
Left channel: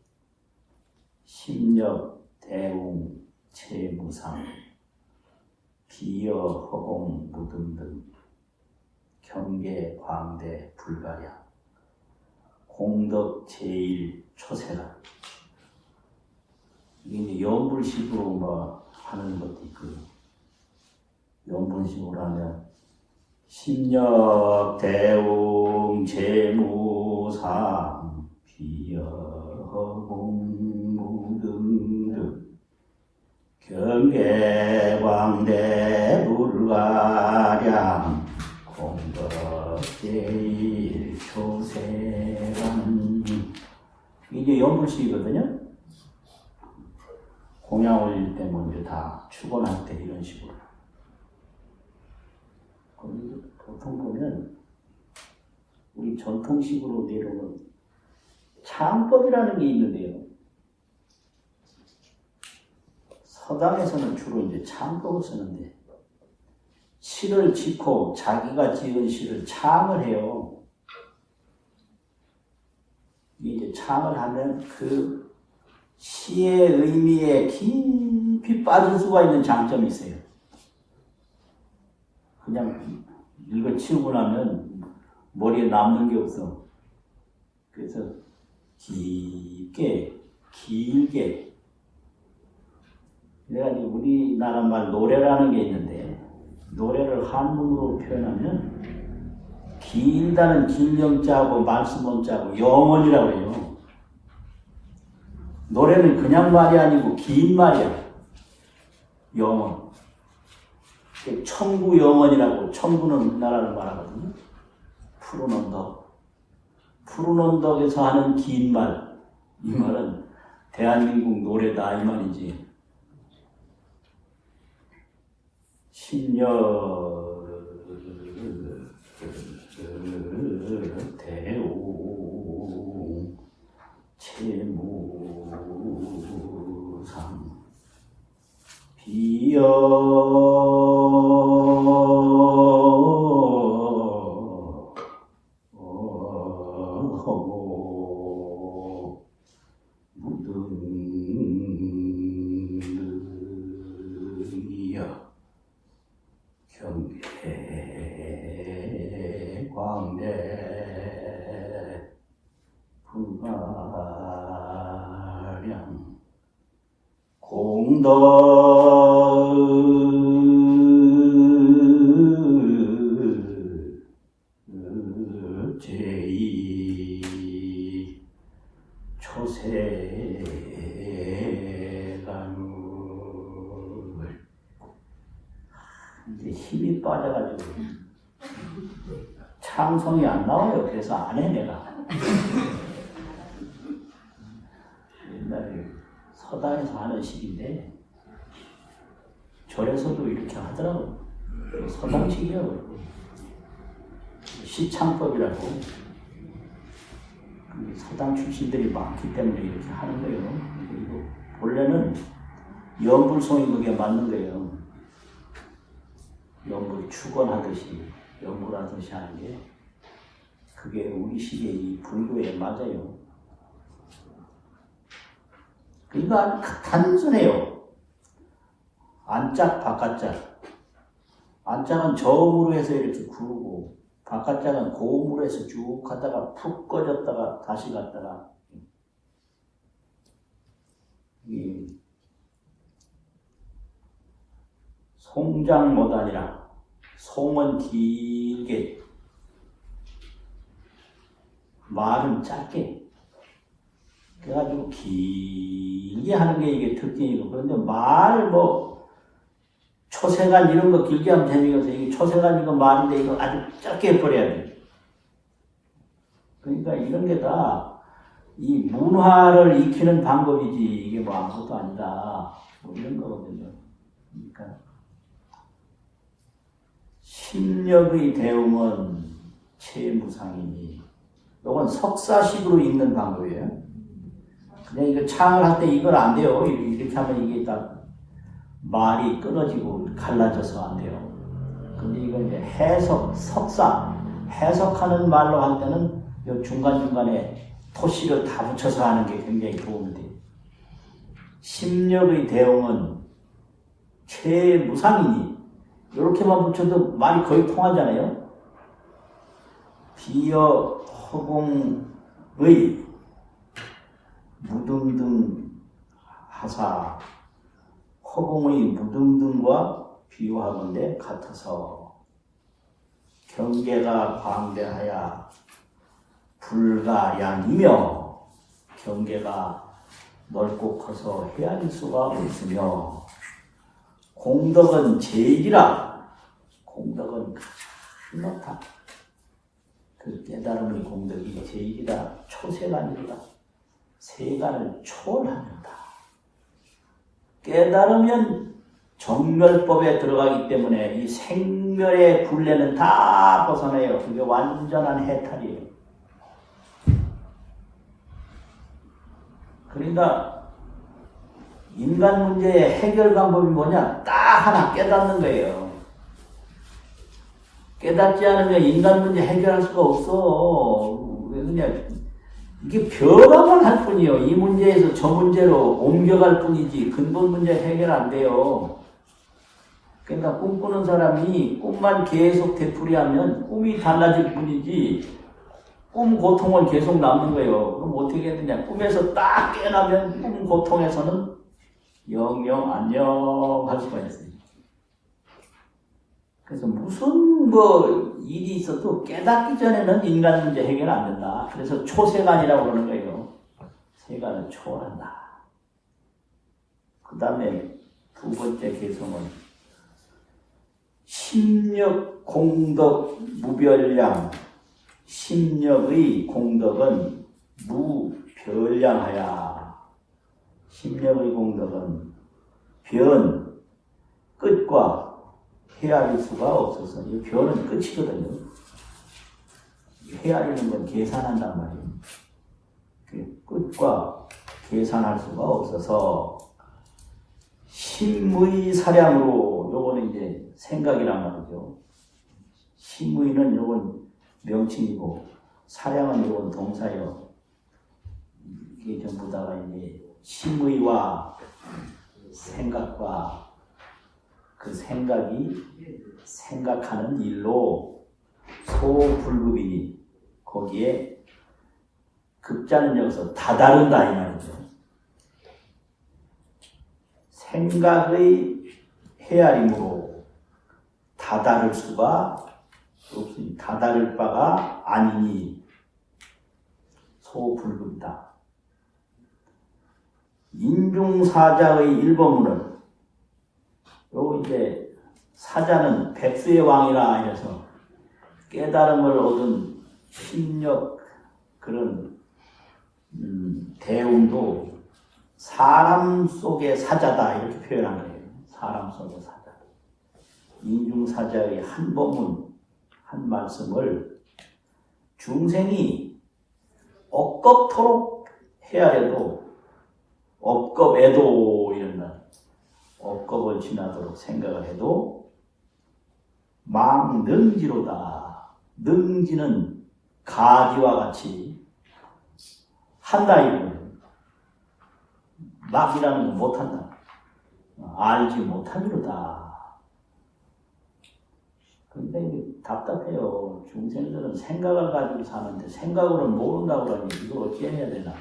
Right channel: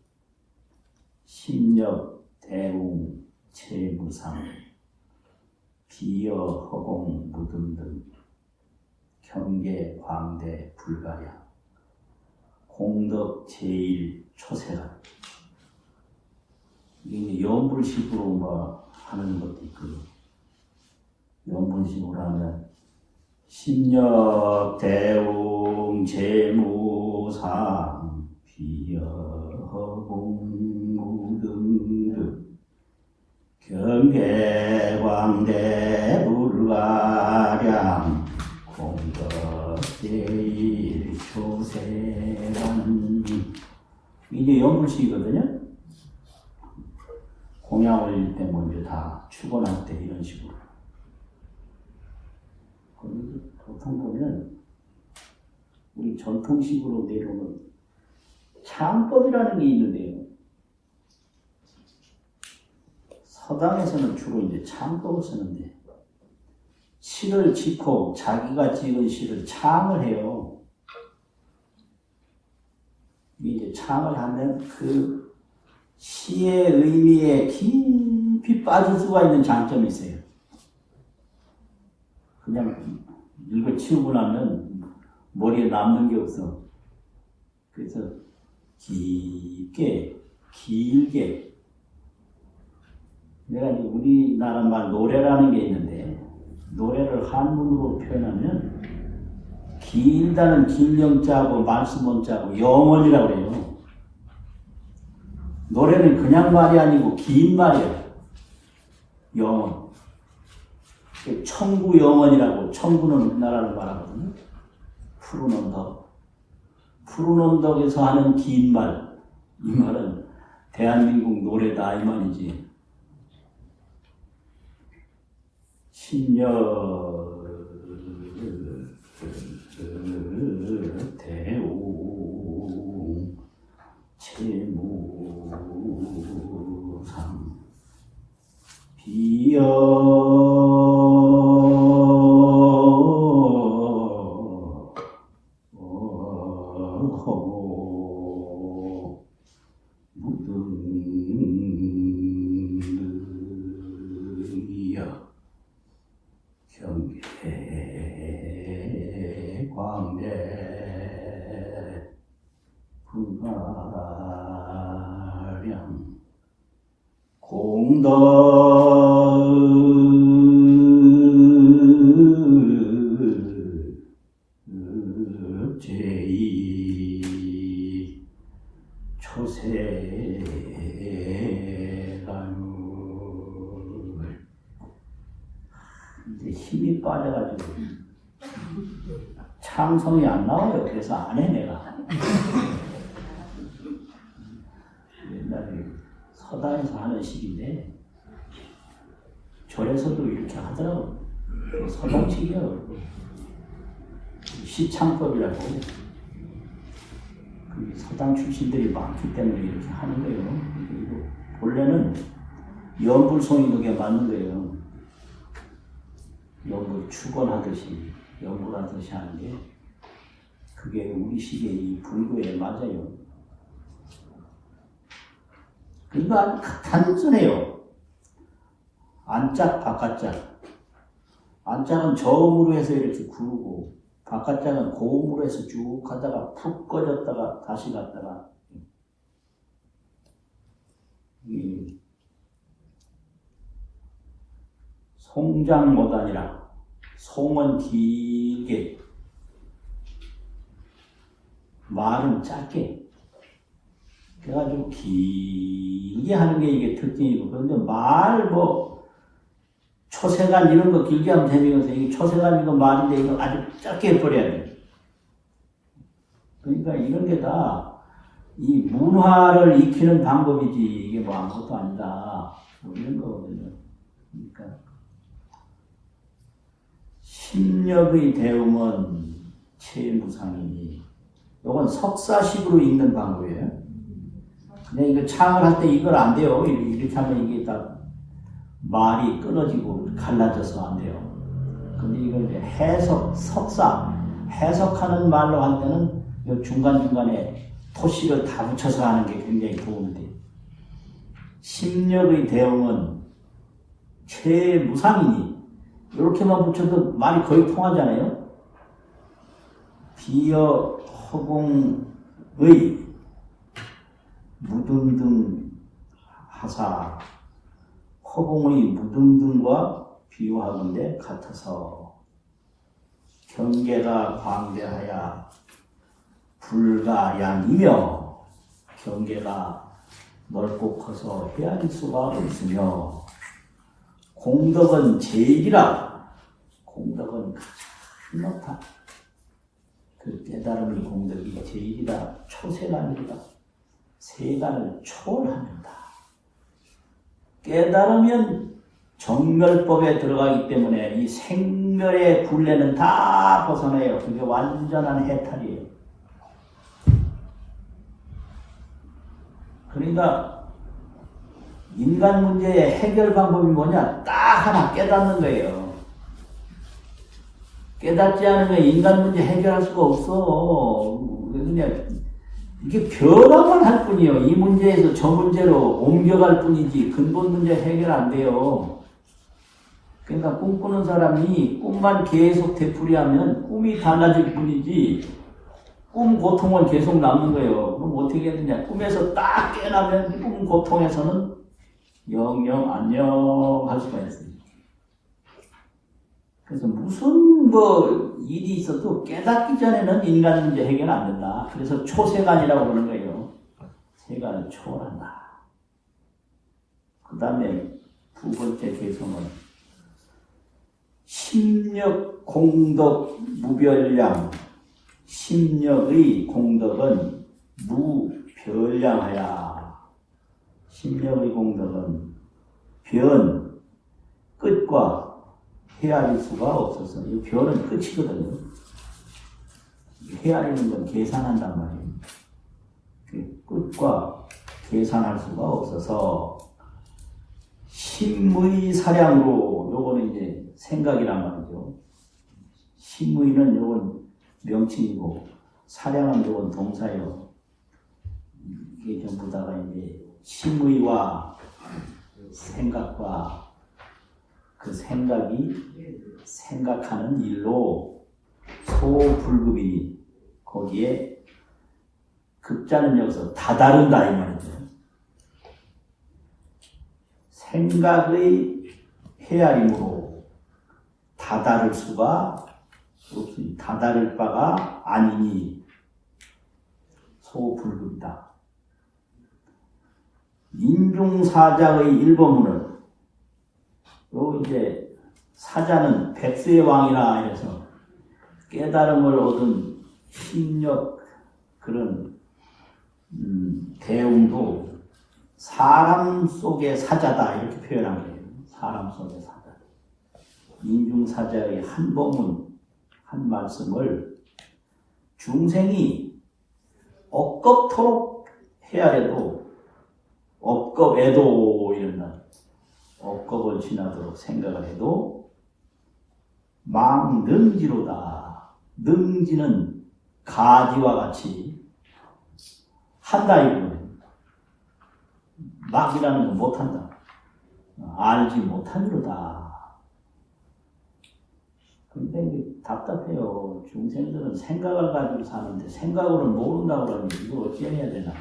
심력, 대웅, 채무상, 비여, 허공, 무등 등 경계, 광대, 불가량, 공덕, 제일, 초세라. 이게 연불식으로 뭐 하는 것도 있고, 연불식으로 하면 심력, 대웅, 채무상, 비여, 허공, 무등 등 경계, 광대, 불가량, 공덕, 제일, 초세간. 이게 연불식이거든요. 공양 올릴 때 먼저 다 축원할 때 이런 식으로. 보통 보면 우리 전통식으로 내려오는 참법이라는 게 있는데요. 서당에서는 주로 이제 참법을 쓰는데, 시를 짓고 자기가 지은 시를 참을 해요. 이제 참을 하면 그 시의 의미에 깊이 빠질 수가 있는 장점이 있어요. 그냥 읽어치우고 나면 머리에 남는 게 없어. 그래서 길게 내가 우리나라 말 노래라는 게 있는데, 노래를 한문으로 표현하면 길다는 긴 영자하고 말씀 문자하고 영원이라고 해요. 노래는 그냥 말이 아니고 긴 말이에요. 영원. 천구 영원이라고, 천구는 우리나라를 말하거든요. 푸른 언덕. 푸른 언덕에서 하는 긴 말. 이 말은 대한민국 노래다 이 말이지. 심력, 대오, 채무상, 비여, 허공, 공덕 제이 초세간물 이제 힘이 빠져가지고 창성이 안 나와요. 그래서 안 해 내가. 옛날에 서당에서 하는 식인데 절에서도 이렇게 하더라고. 서당식이라고. 시창법이라고. 그 서당 출신들이 많기 때문에 이렇게 하는 거예요. 그리고 본래는 연불송이 그게 맞는 거예요. 연불 축원하듯이 연불하듯이 하는 게 그게 우리 시기의 이 불교에 맞아요. 그러니까 단순해요. 안짝 바깥짝. 안짝은 저음으로 해서 이렇게 구르고 바깥짝은 고음으로 해서 쭉 하다가 푹 꺼졌다가 다시 갔다가 송장 모단이라 송은 길게 말은 짧게 그래가지고 길게 하는 게 이게 특징이고 그런데 말 초세간 이런 거 길게 하면 재미없어. 이게 초세간 이거 말인데 이거 아주 짧게 해버려야 돼. 그러니까 이런 게 다 이 문화를 익히는 방법이지 이게 뭐 아무것도 아니다. 이런 거거든요. 그러니까 심력의 대응은 체무상이니 이건 석사식으로 읽는 방법이에요. 근데 이거 창을 할 때 이걸 안 돼요. 이렇게 하면 이게 딱 말이 끊어지고 갈라져서 안 돼요. 근데 이건 이제 해석, 석사, 해석하는 말로 할 때는 이 중간중간에 토시를 다 붙여서 하는 게 굉장히 도움이 돼요. 심력의 대응은 체무상이니 이렇게만 붙여도 말이 거의 통하잖아요. 비어 허공의 무등등 하사 허공의 무등등과 비유하건대 같아서 경계가 방대하여 불가량이며 경계가 넓고 커서 헤아릴 수가 없으며 공덕은 제일이라 공덕은 가장 높다. 그 깨달음의 공덕이 제일이라 초세간이다. 세간을 초월합니다. 깨달으면 정멸법에 들어가기 때문에 이 생멸의 굴레는 다 벗어나요. 그게 완전한 해탈이에요. 그러니까 인간 문제의 해결 방법이 뭐냐? 딱 하나 깨닫는 거예요. 깨닫지 않으면 인간 문제 해결할 수가 없어. 그냥 이게 변화만 할 뿐이에요. 이 문제에서 저 문제로 옮겨갈 뿐이지 근본 문제 해결 안 돼요. 그러니까 꿈꾸는 사람이 꿈만 계속 되풀이하면 꿈이 달라질 뿐이지 꿈 고통은 계속 남는 거예요. 그럼 어떻게 되느냐? 꿈에서 딱 깨어나면 꿈 고통에서는 영영 안녕 할 수가 있어요. 그래서 무슨 일이 있어도 깨닫기 전에는 인간 문제 해결 안 된다. 그래서 초세간이라고 그러는 거예요. 세간을 초월한다. 그 다음에 두 번째 개성은 심력 공덕 무별량. 심력의 공덕은 무별량하야. 심력의 공덕은 끝과 헤아릴 수가 없어서 이 별은 끝이거든요. 헤아리는 건 계산한단 말이에요. 끝과 계산할 수가 없어서 심의 사량으로 요거는 이제 생각이라는 거죠. 심의는 요건 명칭이고 사량은 요건 동사예요. 이게 전부 다가 이제 심의와 생각과 그 생각이 생각하는 일로 소불급이니 거기에 극자는 여기서 다다른다 이 말이죠. 생각의 헤아림으로 다다를 수가 없으니 다다를 바가 아니니 소불급이다. 인중사자의 일본문은 요 이제 사자는 백세의 왕이라 해서 깨달음을 얻은 심력 그런 대웅도 사람 속의 사자다 이렇게 표현한 거예요. 사람 속의 사자. 인중사자의 한 법문 한 말씀을 중생이 억겁토록 헤아려도 억겁에도 이런다. 억겁을 지나도록 생각을 해도 망능지로다. 능지는 가지와 같이 한다 이거는 막이라는 건 못한다. 알지 못하리로다. 근데 이게 답답해요. 중생들은 생각을 가지고 사는데 생각으로 모른다고 그러면 이거 어떻게 해야 되나?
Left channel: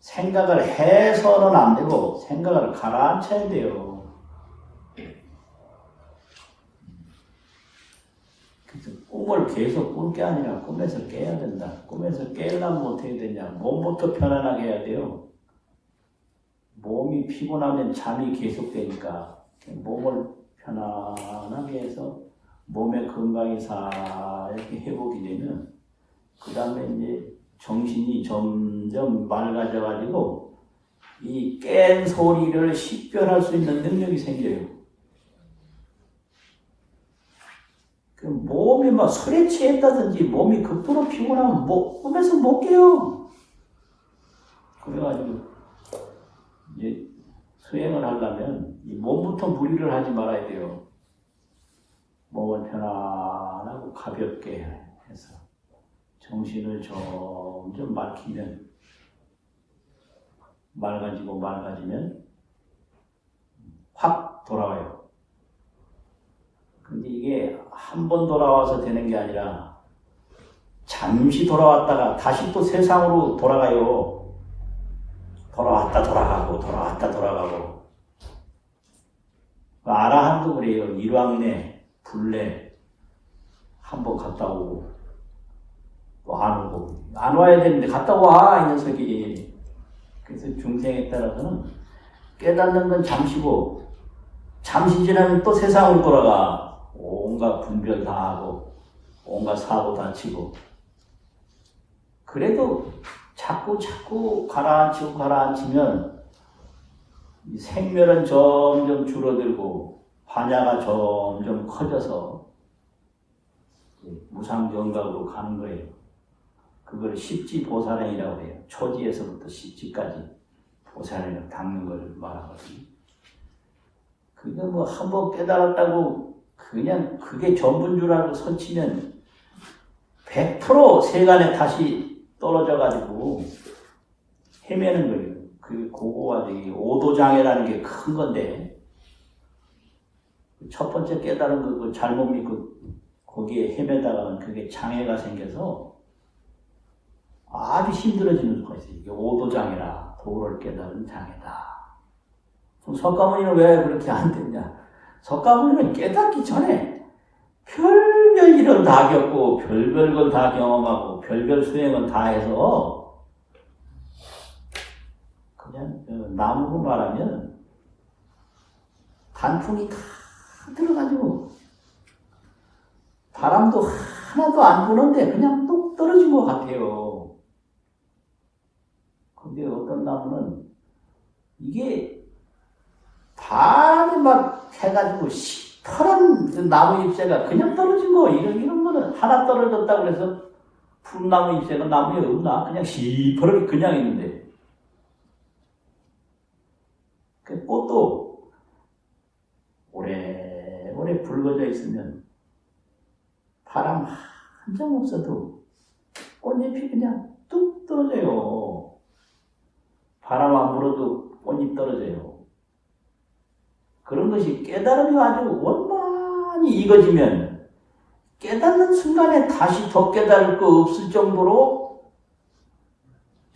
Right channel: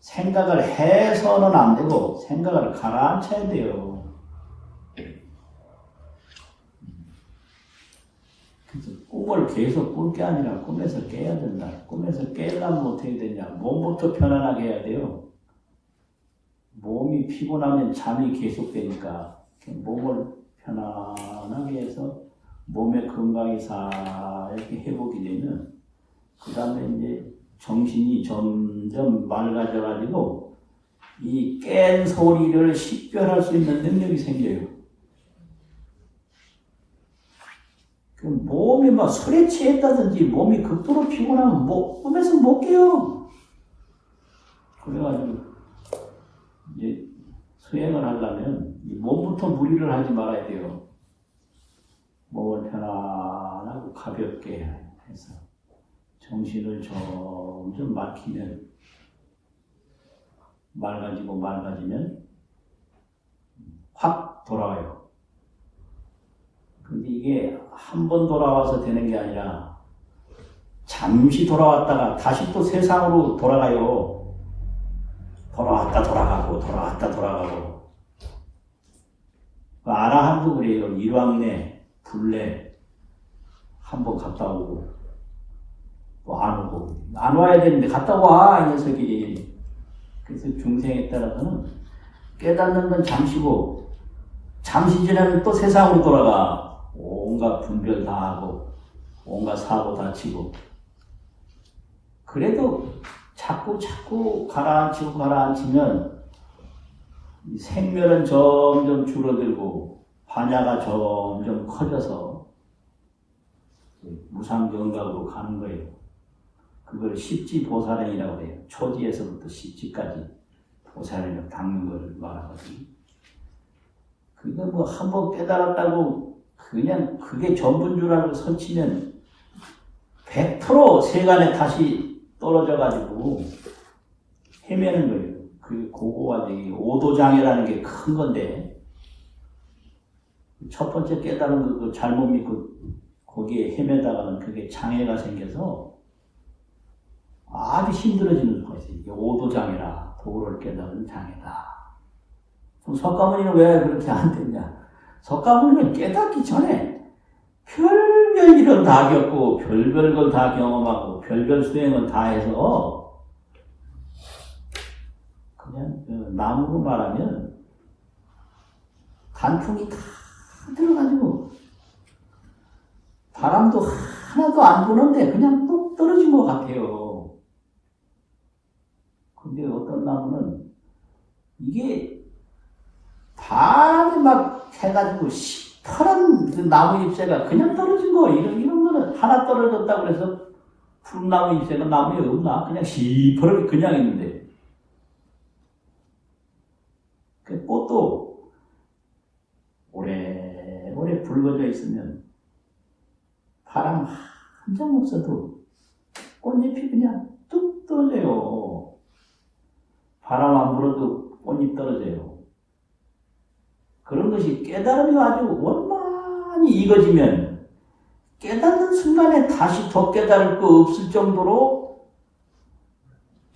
생각을 해서는 안 되고 생각을 가라앉혀야 돼요. 그래서 꿈을 계속 꿀 게 아니라 꿈에서 깨야 된다. 꿈에서 깨려면 어떻게 되냐? 몸부터 편안하게 해야 돼요. 몸이 피곤하면 잠이 계속되니까 몸을 편안하게 해서 몸의 건강이 이렇게 회복이 되면 그 다음에 이제 정신이 점점 맑아져가지고 이 깬 소리를 식별할 수 있는 능력이 생겨요. 그 몸이 막 술에 취했다든지 몸이 극도로 피곤하면 꿈에서 못 깨요. 그래가지고 이제 수행을 하려면 이 몸부터 무리를 하지 말아야 돼요. 몸을 편안하고 가볍게 해서 정신을 점점 막히면 맑아지면 확 돌아와요. 근데 이게 한 번 돌아와서 되는 게 아니라 잠시 돌아왔다가 다시 또 세상으로 돌아가요. 돌아왔다 돌아가고 아라한도 그래요. 일왕이네 불래 한 번 갔다 오고 또 안 오고 안 와야 되는데 갔다 와 이 녀석이. 그래서 중생에 따라서는 깨닫는 건 잠시고 잠시 지나면 또 세상으로 돌아가. 온갖 분별 다 하고 온갖 사고 다 치고 그래도 자꾸 가라앉히면 생멸은 점점 줄어들고 반야가 점점 커져서 무상정각으로 가는 거예요. 그걸 십지보살행이라고 해요. 초지에서부터 십지까지 보살행을 닦는 것을 말하거든요. 그게 뭐 한번 깨달았다고 그냥 그게 전부인 줄 알고 설치면 100% 세간에 다시 떨어져가지고 헤매는 거예요. 그 고고가 되게 오도장애라는 게 큰 건데 첫 번째 깨달은 거 잘못 믿고 거기에 헤매다가는 그게 장애가 생겨서 아주 힘들어지는 것이 이게 오도장애라 도를 깨달은 장애다. 그럼 석가모니는 왜 그렇게 안 됐냐? 석가모니는 깨닫기 전에 별별 일을 다 겪고 별별 걸 다 경험하고 별별 수행을 다 해서 그냥 나무로 말하면 단풍이 다 들어가지고 바람도 하나도 안 부는데 그냥 뚝 떨어진 것 같아요. 근데 어떤 나무는 이게 바람이 막 해가지고 시퍼런 그 나무 잎새가 그냥 떨어진 거 이런 거는 하나 떨어졌다 그래서 푸른 나무 잎새가 나무에 없나? 그냥 시퍼렇게 그냥 있는데 그 꽃도 오래오래 붉어져 있으면 바람 한 점 없어도 꽃잎이 그냥 뚝 떨어져요. 바람 안 불어도 꽃잎 떨어져요. 그런 것이 깨달음이 아주 원만히 익어지면 깨닫는 순간에 다시 더 깨달을 거 없을 정도로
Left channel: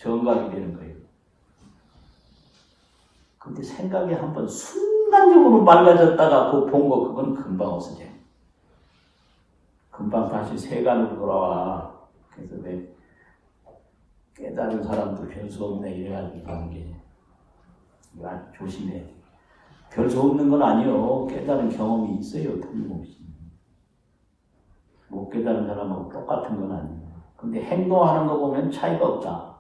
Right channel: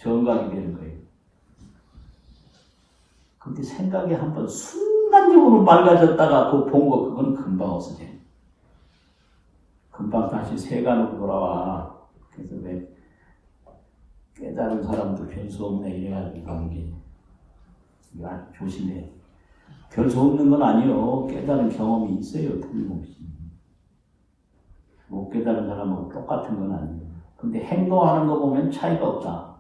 정각이 되는 거예요. 근데 생각이 한번 순간적으로 맑아졌다가 그 본 거 그건 금방 없어져요. 금방 다시 세간으로 돌아와. 그래서 왜 깨달은 사람도 별수 없네 이래가지고 그런 게 이거 아주 조심해. 별수 없는 건 아니요. 깨달은 경험이 있어요. 틀림없이. 못 깨달은 사람하고 똑같은 건 아니에요. 근데 행동하는 거 보면 차이가 없다.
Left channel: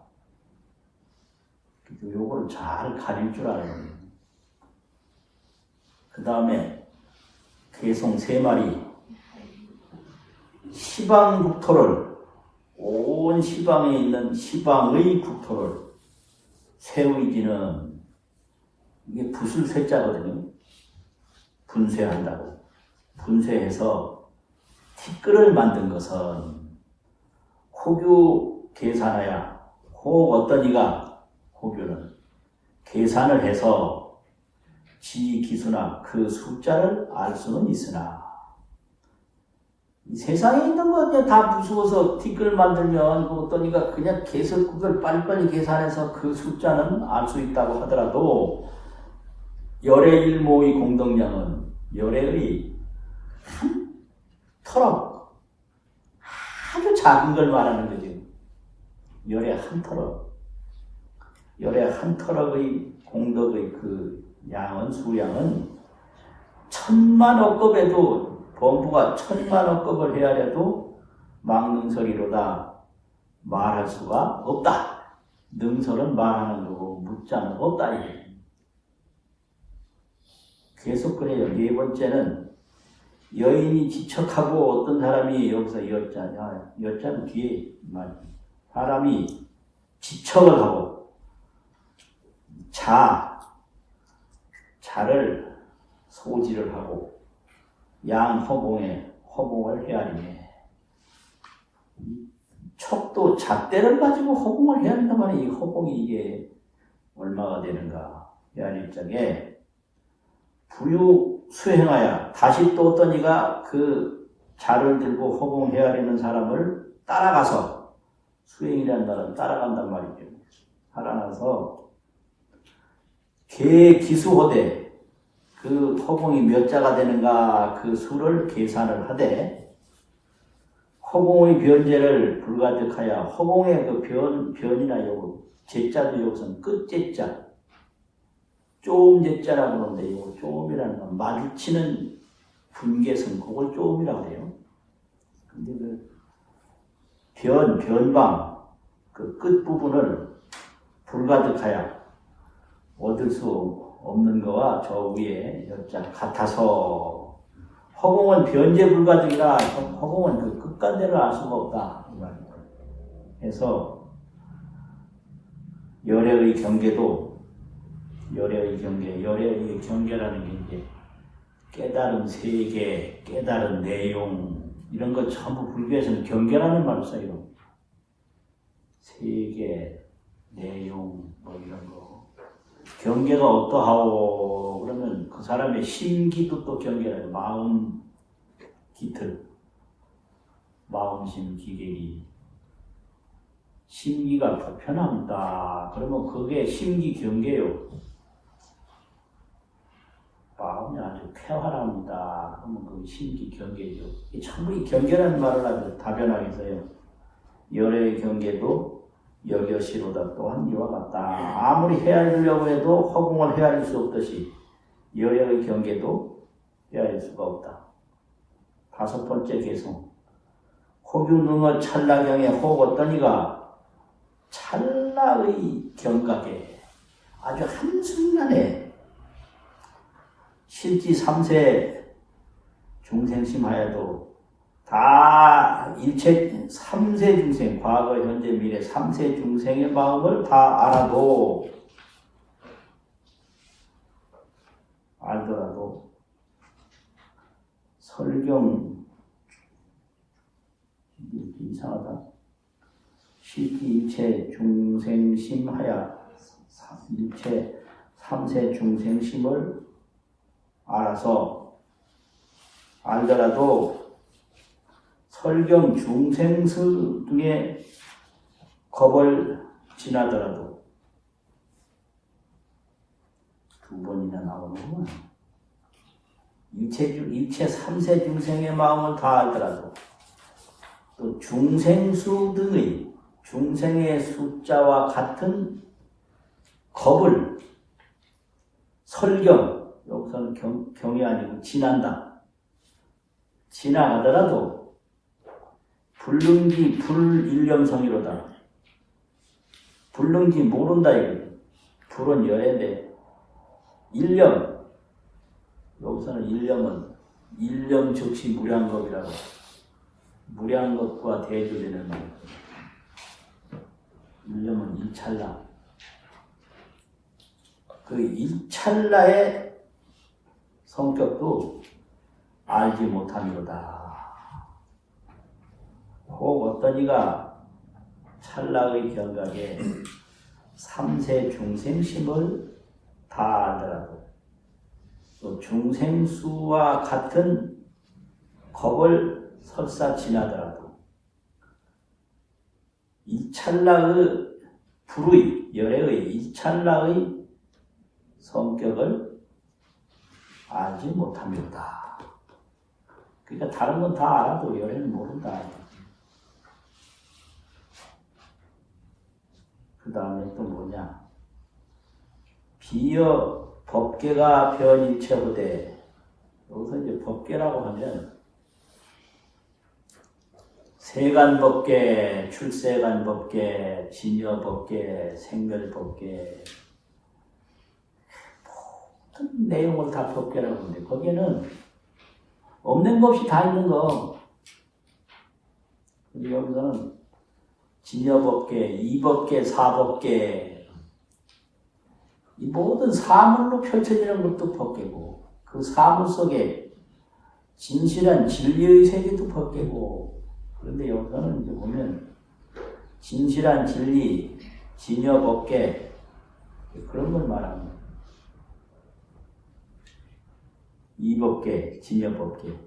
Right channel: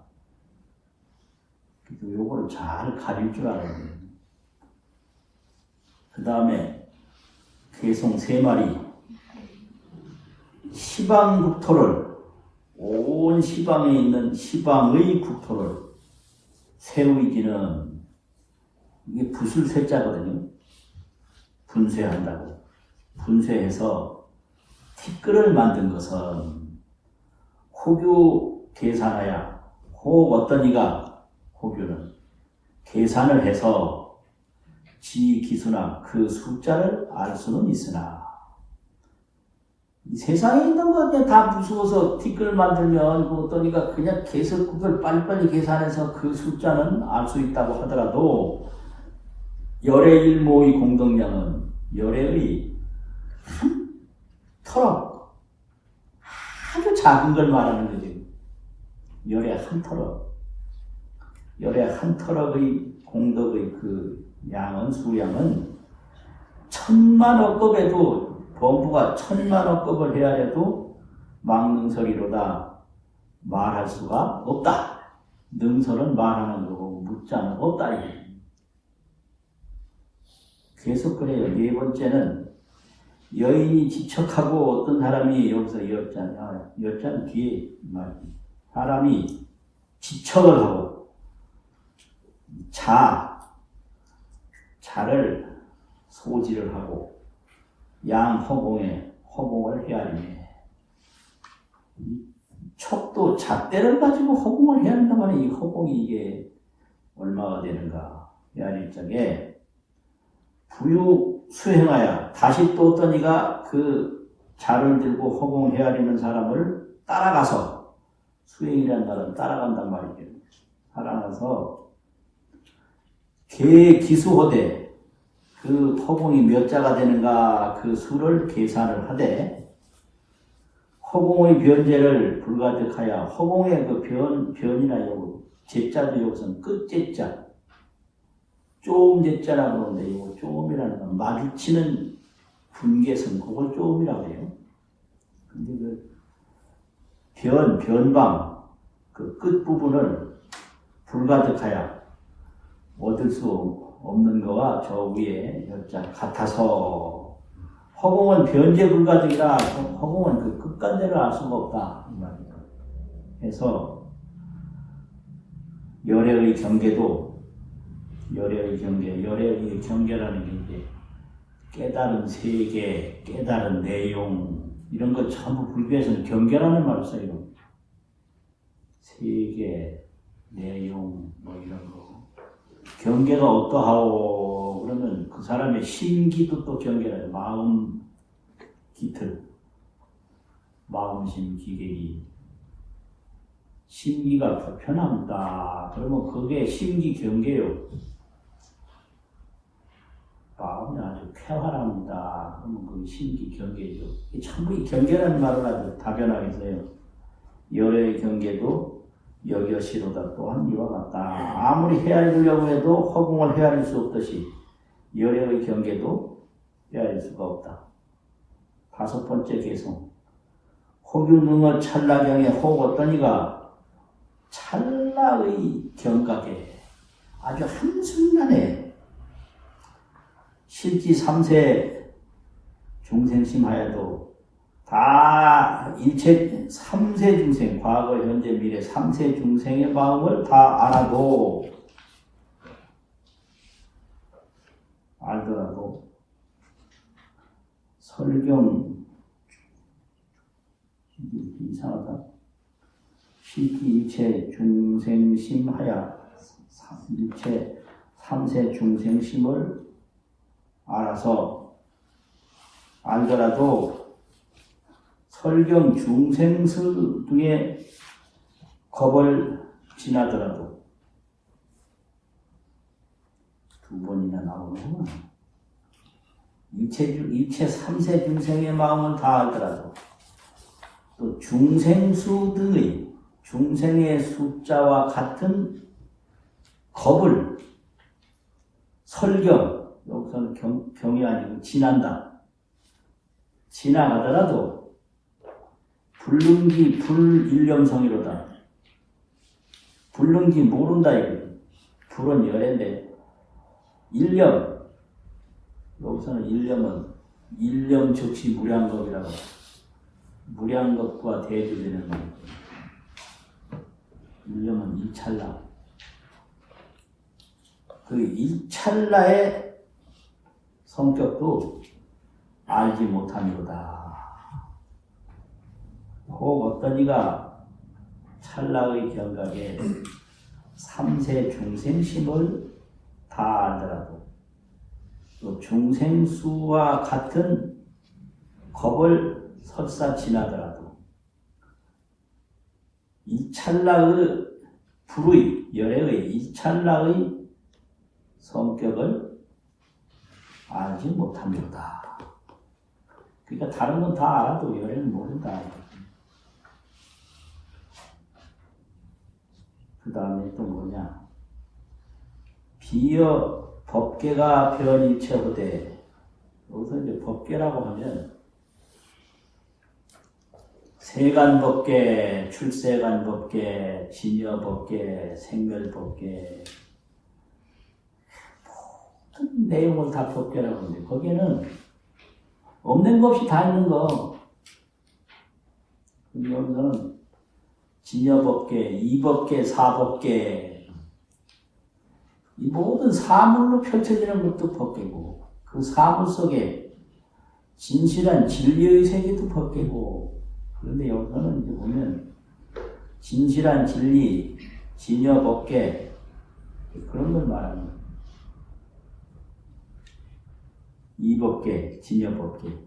그래서 요거를 잘 가릴 줄 알아야 돼요. 그 다음에 개송 3마리 시방 국토를 온 시방에 있는 시방의 국토를 세우이지는 이게 붓을 쇠자거든요. 분쇄한다고. 분쇄해서 티끌을 만든 것은 호교 계산하야 혹 어떤 이가 호교는 계산을 해서 지 기수나 그 숫자를 알 수는 있으나 이 세상에 있는 거 그냥 다 부수어서 티끌 만들면 어떤 이가 그냥 계속을 빨리빨리 계산해서 그 숫자는 알 수 있다고 하더라도 열의 일모의 공덕량은 열의 한 터럭 아주 작은 걸 말하는 거죠. 열의 한 터럭 열의 한 터럭의 공덕의 그 양은 수량은 천만억급에도 범부가 천만억급을 해야 해도 망능설이로다 말할 수가 없다. 능설은 말하는 거고 묻자는 없다. 계속 그래요. 4번째는 여인이 지척하고 어떤 사람이 여기서 여자는 뒤에 사람이 지척을 하고 자를 소지를 하고 허공을 헤아리네. 척도 잣대를 가지고 허공을 헤아린단 말이에요. 이 허공이 이게 얼마가 되는가 헤아릴 적에 부유 수행하여 다시 또 어떤 이가 그 자를 들고 허공 헤아리는 사람을 따라가서 수행이라는 사람 따라간단 말이죠. 따라가서 개기수호대 그 허공이 몇 자가 되는가 그 수를 계산을 하되 허공의 변제를 불가득하여 허공의 그 변이나 요거 제자도 여기서는 끝제자 쪼음제자라고 하는데 이거 쪼음이라는 건 마주치는 분계선 그걸 쪼음이라고 해요. 근데 그 변방 그 끝부분을 불가득하여 얻을 수 없는 거와 저 위에 여자 같아서 허공은 변제 불가득이라 허공은 그 끝간대를 알 수가 없다. 해서 열애의 경계라는 게 이제 깨달은 세계, 깨달은 내용 이런 거 전부 불교에서는 경계라는 말을 써요. 세계, 내용 뭐 이런 거. 경계가 어떠하오? 그러면 그 사람의 심기도 또 경계라요. 마음 기틀, 마음심 기계기. 심기가 불편합니다. 그러면 그게 심기 경계요. 마음이 아주 쾌활합니다. 그러면 그게 심기 경계죠. 전부 이 경계라는 말을 아주 다변하게 써요. 열의 경계도 여겨시로다 또한 이와 같다. 아무리 헤아리려고 해도 허공을 헤아릴 수 없듯이 열의 경계도 헤아릴 수가 없다. 5번째 개성. 호균등의 찰나경에 혹 어떤 이가 찰나의 경각에 아주 한순간에 실지 3세 중생심하여도 다 일체 3세 중생, 과거, 현재, 미래 3세 중생의 마음을 다 알더라도 설경 이상하다. 실기 일체 중생심하여 일체 3세 중생심을 알아서 알더라도 설경 중생수 등의 겁을 지나더라도 두 번이나 나오는구나. 일체 삼세 중생의 마음을 다하더라도 또 중생수 등의 중생의 숫자와 같은 겁을 설경, 여기서는 경이 아니고 지난다. 지나가더라도 불능기 불일념성이로다. 불능기 모른다 이거. 불은 여인데 일념, 여기서는 일념은 일념 즉시 무량겁이라고, 무량겁과 대조되는 거예요. 일념은 일찰나. 그 일찰나의 성격도 알지 못하니로다. 혹 어떤 이가 찰나의 경각에 삼세 중생심을 다하더라도 또 중생수와 같은 겁을 설사 지나더라도 이 찰나의 불의, 열애의 이 찰나의 성격을 알지 못합니다. 그러니까 다른 건 다 알아도 열애는 모른다. 그 다음에 또 뭐냐? 비여 법계가 변일체호되, 여기서 이제 법계라고 하면 세간법계, 출세간법계, 진여법계, 생멸법계, 모든 내용을 다 법계라고 하는데 거기에는 없는 것이 다 있는 거. 여기서는 진여법계, 이법계, 사법계, 이 모든 사물로 펼쳐지는 것도 법계고, 그 사물 속에 진실한 진리의 세계도 법계고, 그런데 여기서는 이제 보면 진실한 진리, 진여법계, 그런 걸 말하는 거예요. 이법계, 진여법계.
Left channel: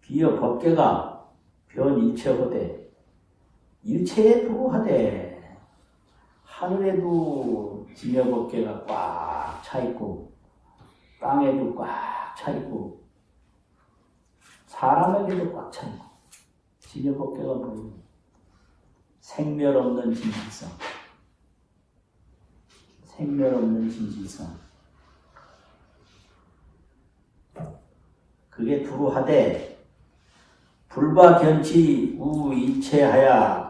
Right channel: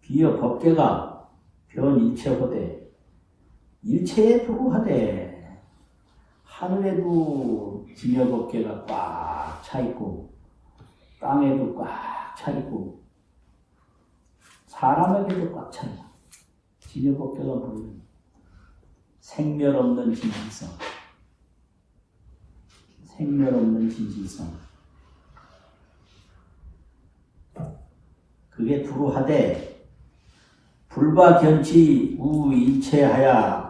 비여 법계가 변일체호되, 일체에 불구하되 하늘에도 진여법계가 꽉 차있고 땅에도 꽉 차있고 사람에게도 꽉 차있고, 진여법계가 뭐예요? 생멸 없는 진실성, 생멸 없는 진실성. 그게 불우하되 불과 견치 우일체하야.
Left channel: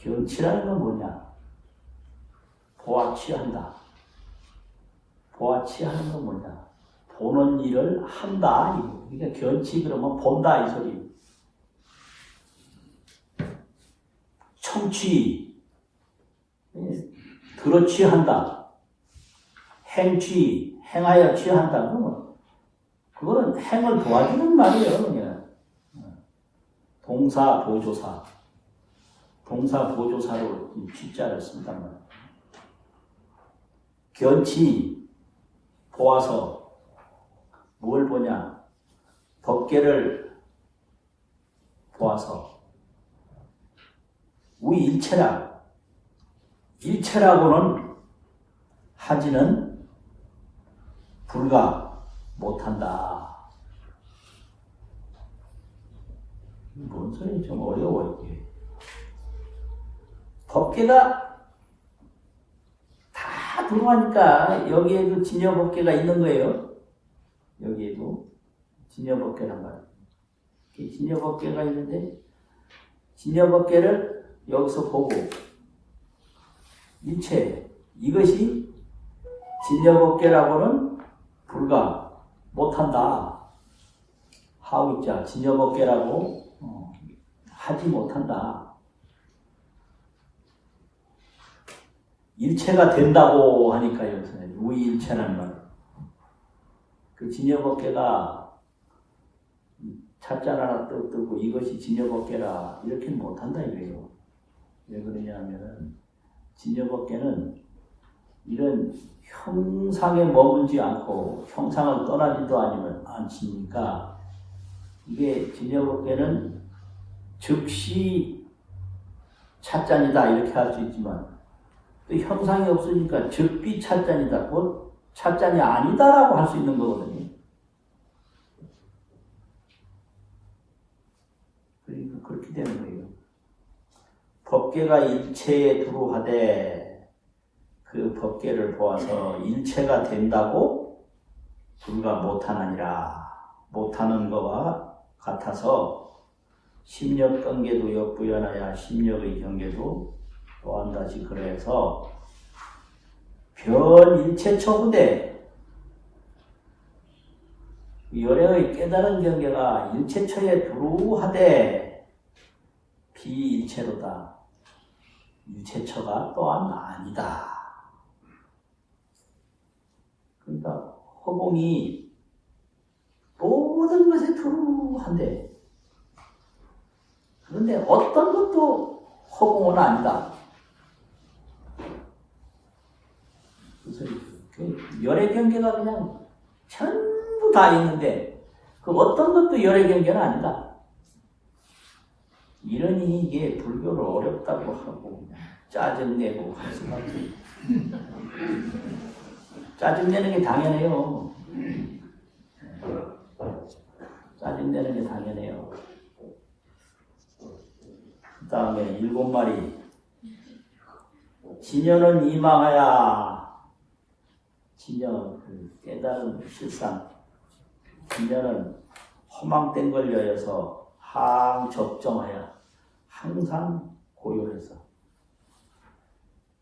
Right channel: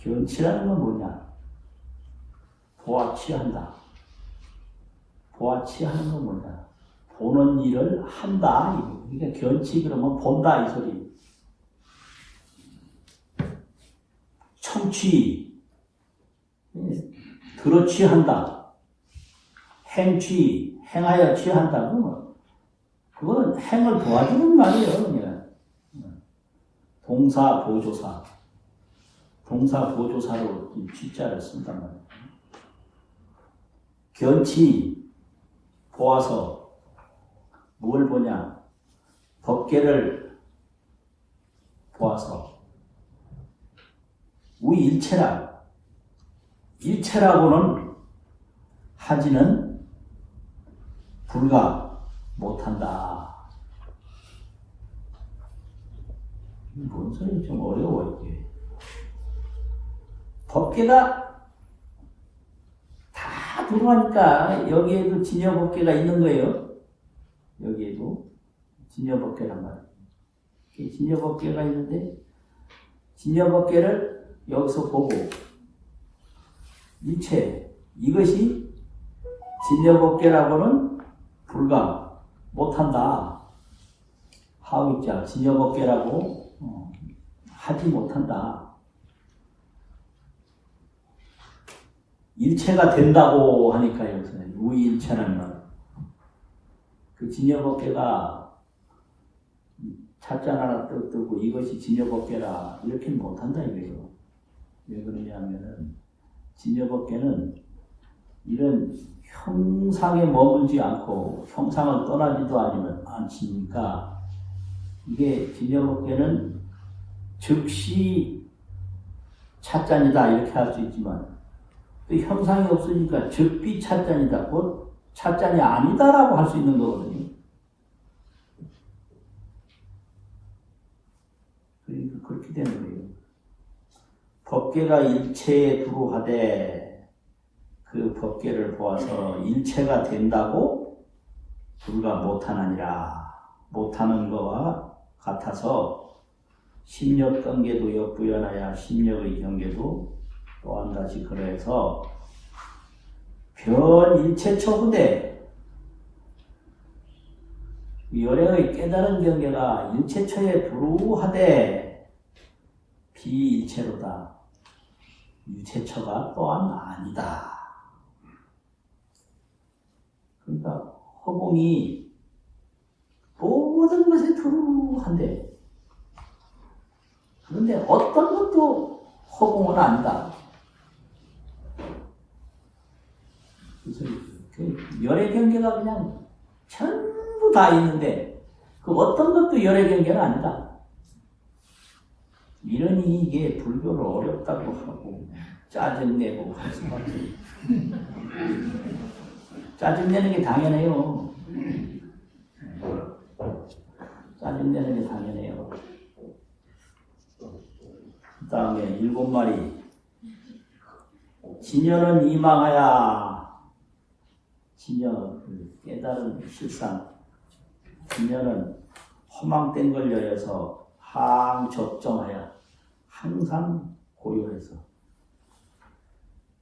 견치라는 건 뭐냐? 보아 취한다. 보아 취하는 건 뭐냐? 보는 일을 한다. 그러니까 견치 그러면 본다 이 소리. 청취, 들어 취한다. 행취, 행하여 취한다. 그거는 행을 도와주는 말이에요. 그냥. 동사 보조사. 동사 보조사로 이 취자를 쓴단 말이에요. 견치, 보아서 뭘 보냐? 법계를 보아서 우일체라. 일체라고는 하지는 불가 못한다. 뭔 소리? 좀 어려워 이게. 법계가 다 들어가니까 여기에도 진여법계가 있는 거예요. 여기에도 진여법계란 말이에요. 진여법계가 있는데 진여법계를 여기서 보고 일체, 이것이 진여법계라고는 불가 못한다 하고 있자. 진여법계라고 하지 못한다. 일체가 된다고 하니까 여기서는 우일체라는 말. 그 진여법계가 찻잔 하나 뜨고 이것이 진여법계라 이렇게 못한다 이거예요. 왜 그러냐면 진여법계는 이런 형상에 머물지 않고 형상을 떠나지도 않으니까 이게 진여법계는 즉시 찻잔이다 이렇게 할 수 있지만 또 형상이 없으니까 즉비 찻잔이다, 뭐 찻잔이 아니다라고 할 수 있는 거거든요. 그러니까 그렇게 되는 거예요. 법계가 일체에 두루하되 그 법계를 보아서 일체가 된다고 불가 못하느니라. 못하는 것과 같아서 심력 관계도 역부연하야 심력의 경계도 또한 다시 그래서 변 일체처부대 열행의 깨달은 경계가 일체처에 두루하되 비일체로다. 일체처가 또한 아니다. 그러니까 허공이 모든 것에 두루한데 그런데 어떤 것도 허공은 아니다. 그래서 열의 경계가 그냥 전부 다 있는데 그 어떤 것도 열의 경계는 아니다. 이러니 이게 불교를 어렵다고 하고 짜증내고 하지. 짜증내는 게 당연해요. 짜증내는 게 당연해요. 그 다음에 7마리. 진여는 이망하야. 진여, 깨달은 실상. 진여는 허망된 걸 여여서 항적정하야. 항상 고요해서.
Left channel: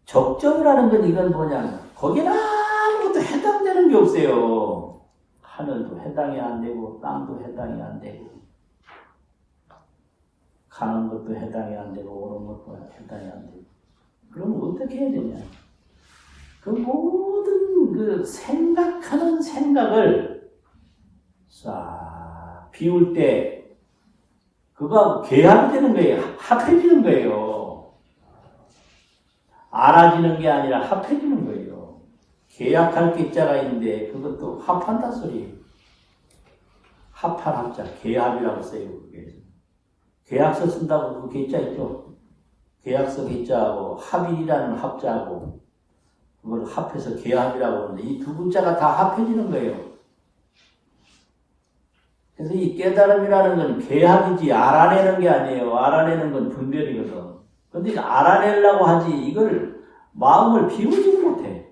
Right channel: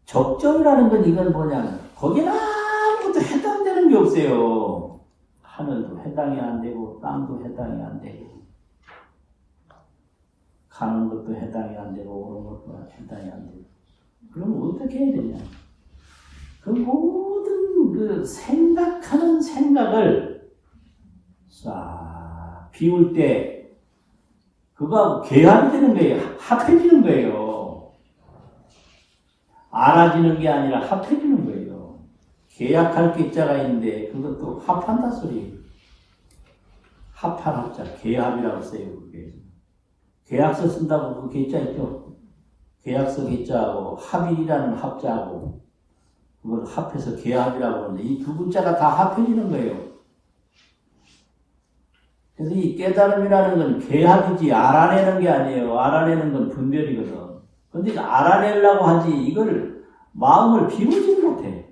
적정이라는 건 이건 뭐냐. 거기는 아무것도 해당되는 게 없어요. 하늘도 해당이 안 되고, 땅도 해당이 안 되고, 가는 것도 해당이 안 되고, 오는 것도 해당이 안 되고. 그럼 어떻게 해야 되냐. 그 모든 그 생각하는 생각을 싹 비울 때, 그거 계합이 되는 거예요. 합해지는 거예요. 알아지는 게 아니라 합해지는 거예요. 계약할 계자가 있는데 그것도 합한다 소리예요. 합한 합자, 계합이라고 써요. 그게. 계약서 쓴다고 그 계자 있죠. 계약서 계자하고 합일이라는 합자하고 그걸 합해서 계합이라고 하는데 이 두 글자가 다 합해지는 거예요. 그래서 이 깨달음이라는 건 계합이지 알아내는 게 아니에요. 알아내는 건 분별이거든. 근데 알아내려고 하지 이걸 마음을 비우지 못해.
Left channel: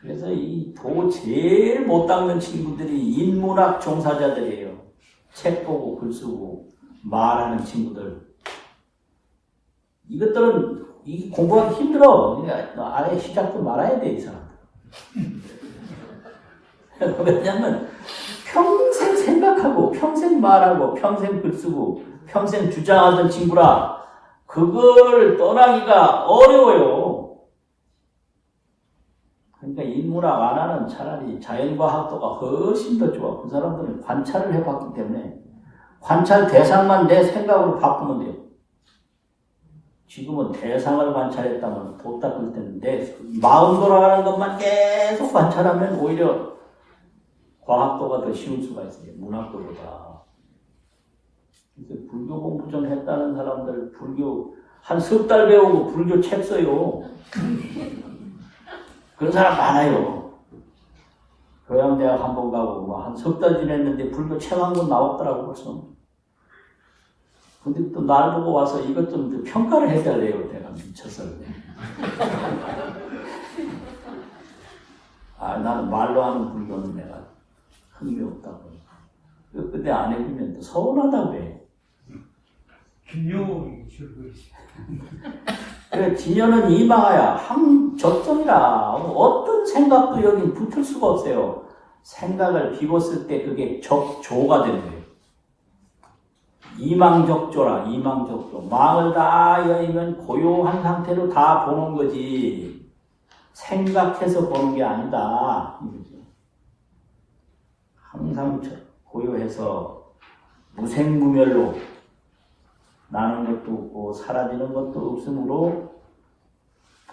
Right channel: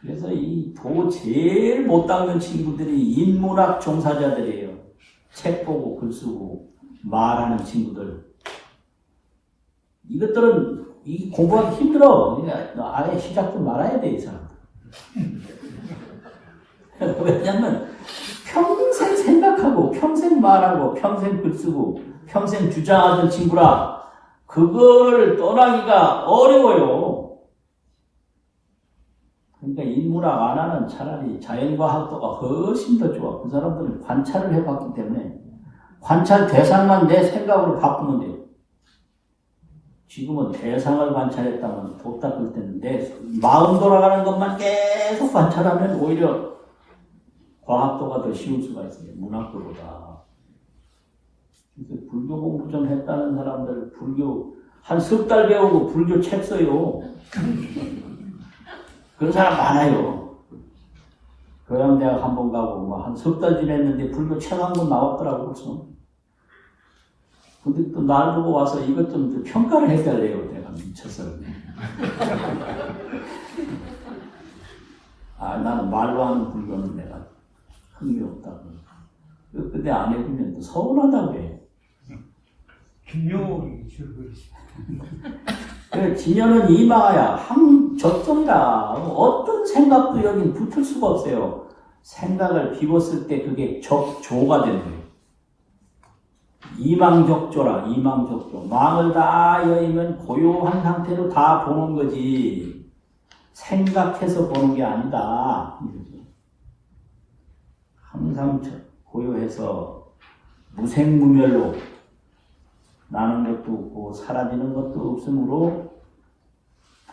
그래서 이 도 제일 못 닦는 친구들이 인문학 종사자들이에요. 책 보고 글 쓰고 말하는 친구들. 이것들은 이 공부하기 힘들어. 그러니까 아예 시작도 말아야 돼, 이 사람들. 왜냐면 평생 생각하고 평생 말하고 평생 글 쓰고 평생 주장하던 친구라 그걸 떠나기가 어려워요. 그러니까 인문학 안 하는 차라리 자연과학도가 훨씬 더 좋아. 그 사람들은 관찰을 해봤기 때문에 관찰 대상만 내 생각으로 바꾸면 돼요. 지금은 대상을 관찰했다면 도 닦을 때는 내 마음 돌아가는 것만 계속 관찰하면 오히려 과학도가 더 쉬울 수가 있어요. 문학도보다. 그래서 불교 공부 좀 했다는 사람들 불교 한 석 달 배우고 불교 책 써요. 그런 사람 많아요. 교양대학 한 번 가고 한 석 달 지냈는데 불교 책 한 권 나왔더라고 벌써. 근데 또 날 보고 와서 이것 좀 평가를 해달래요. 내가 미쳐서. 나는 말로 하는 불교는 내가 흥미없다고. 근데 안 해주면 또 서운하다고 해. 균형이 줄어버리지. 그래, 진여는 이망하야 항적정이라. 어떤 생각도 여기 붙을 수가 없어요. 생각을 비웠을 때 그게 적조가 되는 거예요. 이망적조라. 이망적조. 망을 다 여의면 고요한 상태로 다 보는 거지 생각해서 보는 게 아니다. 항상 고요해서 무생무멸로 나는 것도 없고 사라지는 것도 없으므로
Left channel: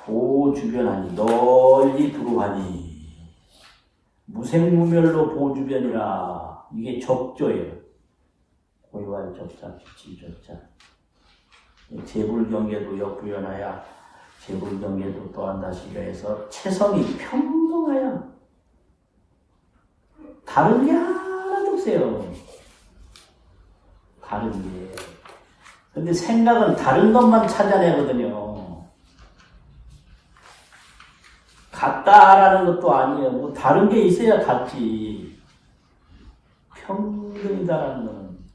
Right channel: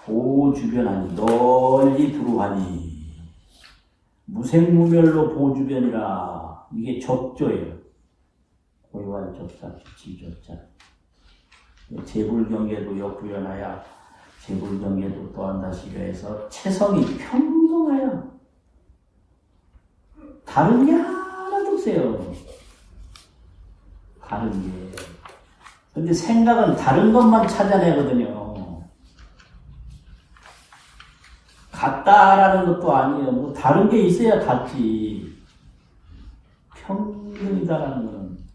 보주변하니 널리 두루하니 무생무멸로 보주변이라. 이게 적조예요. 고요할 조자, 빛을 조자. 재불경계도 역부연하여 재불경계도 또한 다시 해서 체성이 평등하여 다른 게 하나도 없어요. 다른 게. 근데 생각은 다른 것만 찾아내거든요. 같다라는 것도 아니에요. 뭐 다른 게 있어야 같지. 평등이다라는 건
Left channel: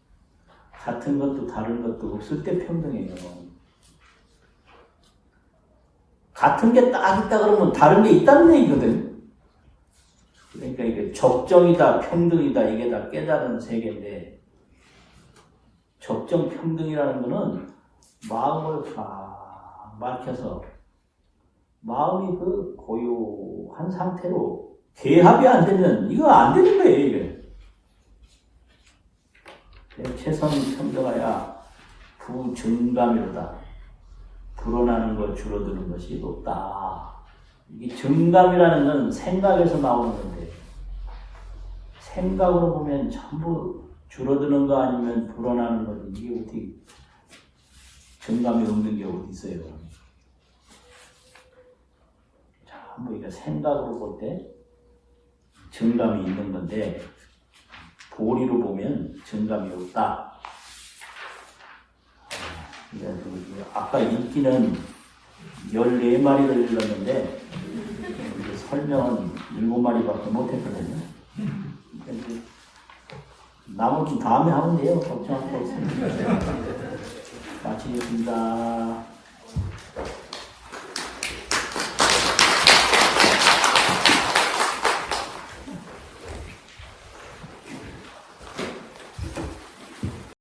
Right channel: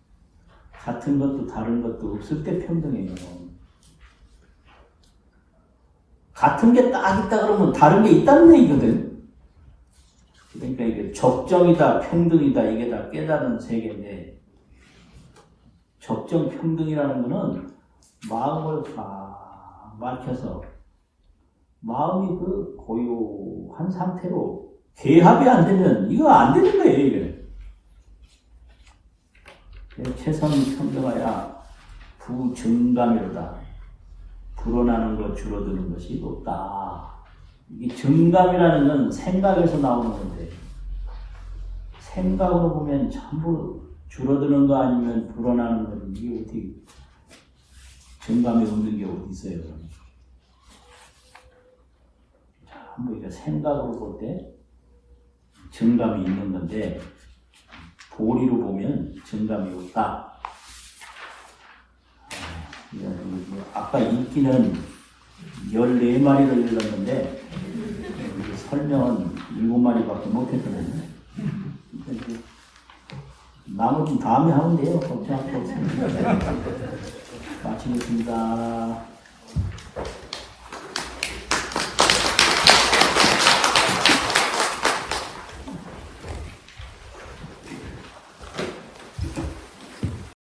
같은 것도 다른 것도 없을 때 평등해요. 같은 게 딱 있다 그러면 다른 게 있다는 얘기거든. 그러니까 이게 적정이다, 평등이다, 이게 다 깨달은 세계인데, 적정 평등이라는 거는 마음을 다 막혀서 마음이 그 고요한 상태로 개합이 안 되면 이거 안 되는 거예요, 이게. 그래서 최선이 평등하여 부증감이로다. 불어나는 것, 줄어드는 것이 없다. 이게 증감이라는 건 생각에서 나오는 건데, 생각으로 보면 전부 줄어드는 거 아니면 불어나는 거, 이게 어떻게 증감이 없는 게 어디 있어요? 전부 이거 생각으로 볼 때 증감이 있는 건데, 도리로 보면 증감이 없다. 아까 읽기는 14마리를 읽었는데 설명은 7마리밖에 못했거든요. 나머지는 다음에 하면 돼요. 걱정 않고 마치겠습니다.